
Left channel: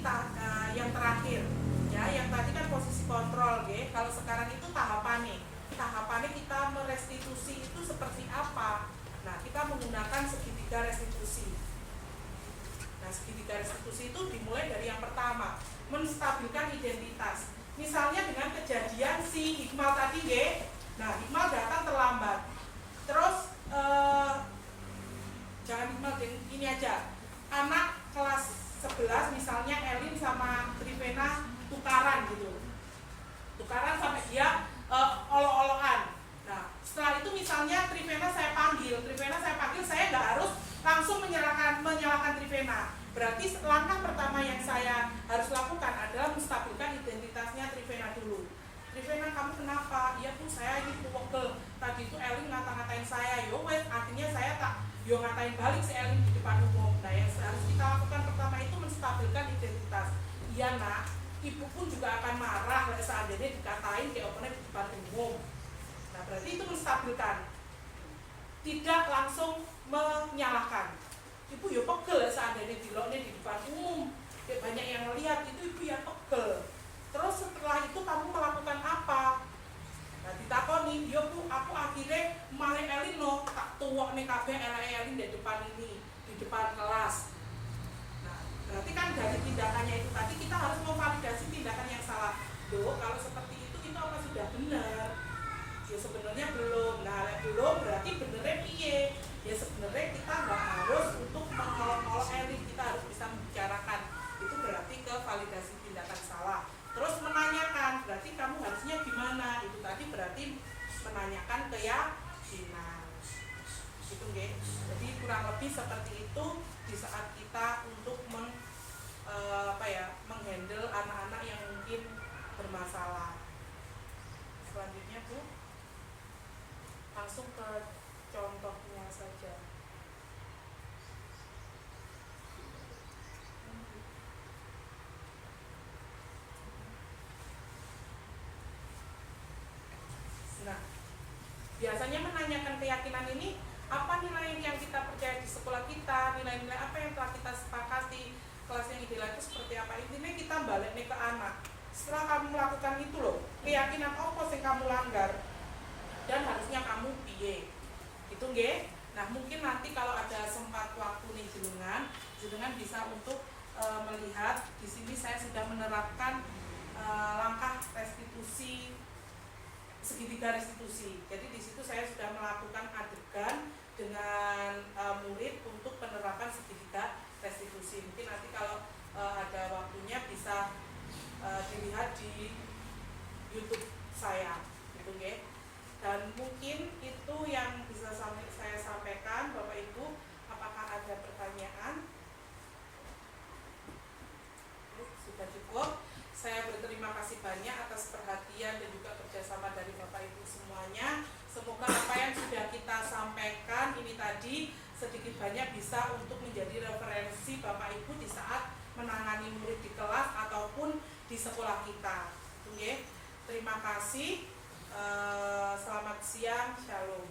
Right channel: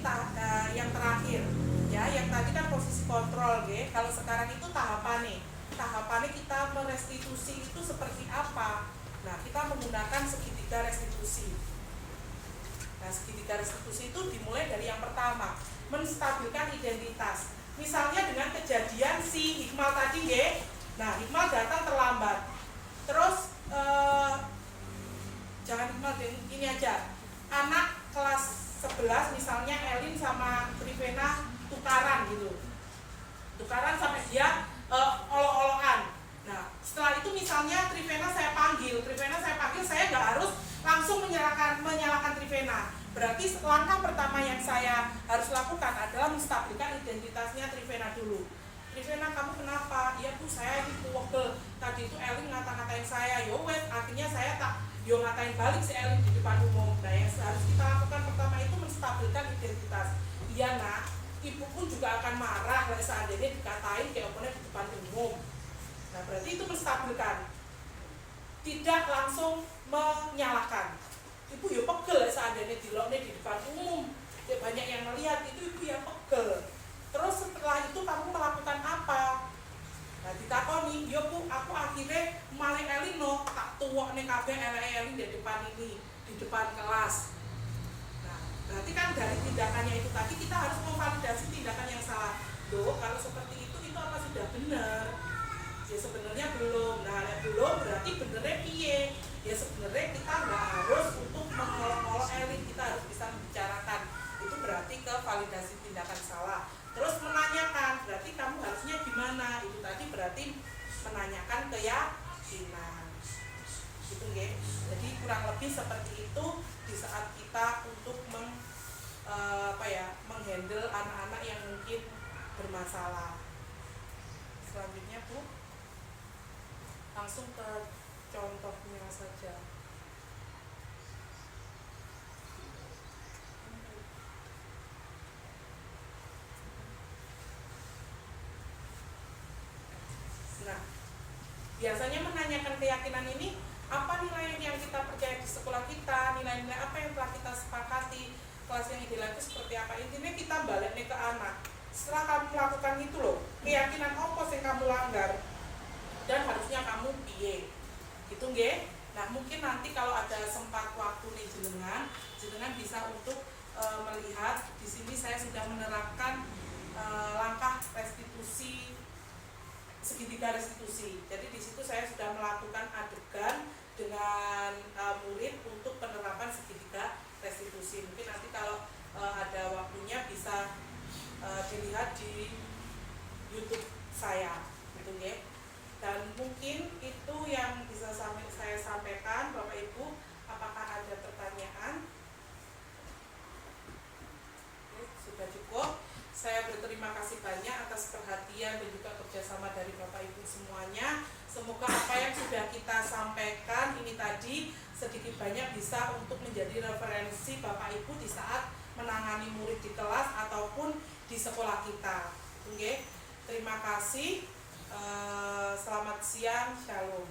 yang terakhir ya, yang tadi kan posisi kontrol ya. Kalau sekarang itu tahapannya kita merestitusi itu seperti apa? Nah kita menggunakan segitiga restitusi. Nah, segitiga restitusi itu dimulai dari yang pertama, menstabilkan identitas. Misalnya dengan kejadian si Hikmal tadi, nah Hikmal datang terlambat. Terus jangan Hikmal, ini aja. Anak kelas 11 misalnya Elin sama Trivena tukaran gitu. Tukaran sampai dia olok-olokan. Nah, setelah itu misalnya Trivena saya panggil, saya nggak harus langsung menyalahkan Trivena. Berarti langkah pertama yang saya harus lakukan adalah menstabilkan identitasnya Trivena dulu. Trivena, kamu kenapa? Iya Bu, saya ini pegel. Tadi itu Elin ngata-ngatain saya. Wes, akhirnya saya tak ngatain balik si Elin di depan umum. Nah, yang harus kita lakukan pertama itu menstabilkan identitas. Iya nak, ibu pun juga akan marah kalau seandainya dikatain kayak opennya di depan umum. Nah, berarti itu menstabilkan. Tidak langsung menyalahkan. Ibu ya pegel seandainya diloknya di depan umum, ya banyak yang melihat, itu ibu ya pegel. Terus setelah itu kamu melakukan apa? Nah ditakoni, ya Bu, aku akhirnya malah Elin loh, tak tuwok nih kabeh Elin di depan ini, di depan kelas. Nah berarti kan dari tindakannya itu tadi kita harus memvalidasi tindakan yang salah. Loh kalau seperti itu apa sudah benar? Ya sebenarnya belum. Nah belum berarti benernya piye? Ya sebenarnya kita nggak harus untuk mengolok-olok Elin, kita harus bisa membicarakan. Itu berarti ke validasi tindakan salah. Terus menanyakan, berarti kamu harusnya gimana? Itu tadi berarti menanyakan keyakinan. Gitu nggih. Jadi kurang lebih seperti itu di saat kita untuk menghandle anak-anak yang mungkin bermasalah. Selanjutnya Bu, langsung ke contohnya saja. Nah, biasanya menanyakan keyakinan ini, apa nilai yang kita percaya di sekolah kita, nilai-nilai apa yang telah kita sepakati, kelas yang ideal itu seperti apa. Intinya kita balik nih ke anak. Setelah kamu melakukan itu loh, keyakinan apa yang kamu langgar dan harusnya kamu piye. Gitu nggih. Nah, mungkin nanti kalau ada sempat waktu nih jenengan bisa untuk melihat di sini saya sudah menerapkan langkah restitusi, segitiga restitusi. Jadi di situ saya sudah melakukan adegan dengan murid untuk penerapan segitiga restitusi. Mungkin nanti kalau ada waktunya bisa dilihat di YouTube saya, gitu nggih. Dan mungkin itu yang bisa saya sampaikan, Bapak Ibu. Apakah ada pertanyaan? Sudah cukup. Saya berterima kasih banyak atas perhatian dan juga kerjasama dari Bapak Ibu semuanya. Semoga apa yang sudah kita sampaikan ini tadi sedikit banyak bisa untuk menjadi referensi Bapak Ibu di saat menangani murid di kelas ataupun di sekolah kita. Oke, terima kasih. Selamat siang, shalom.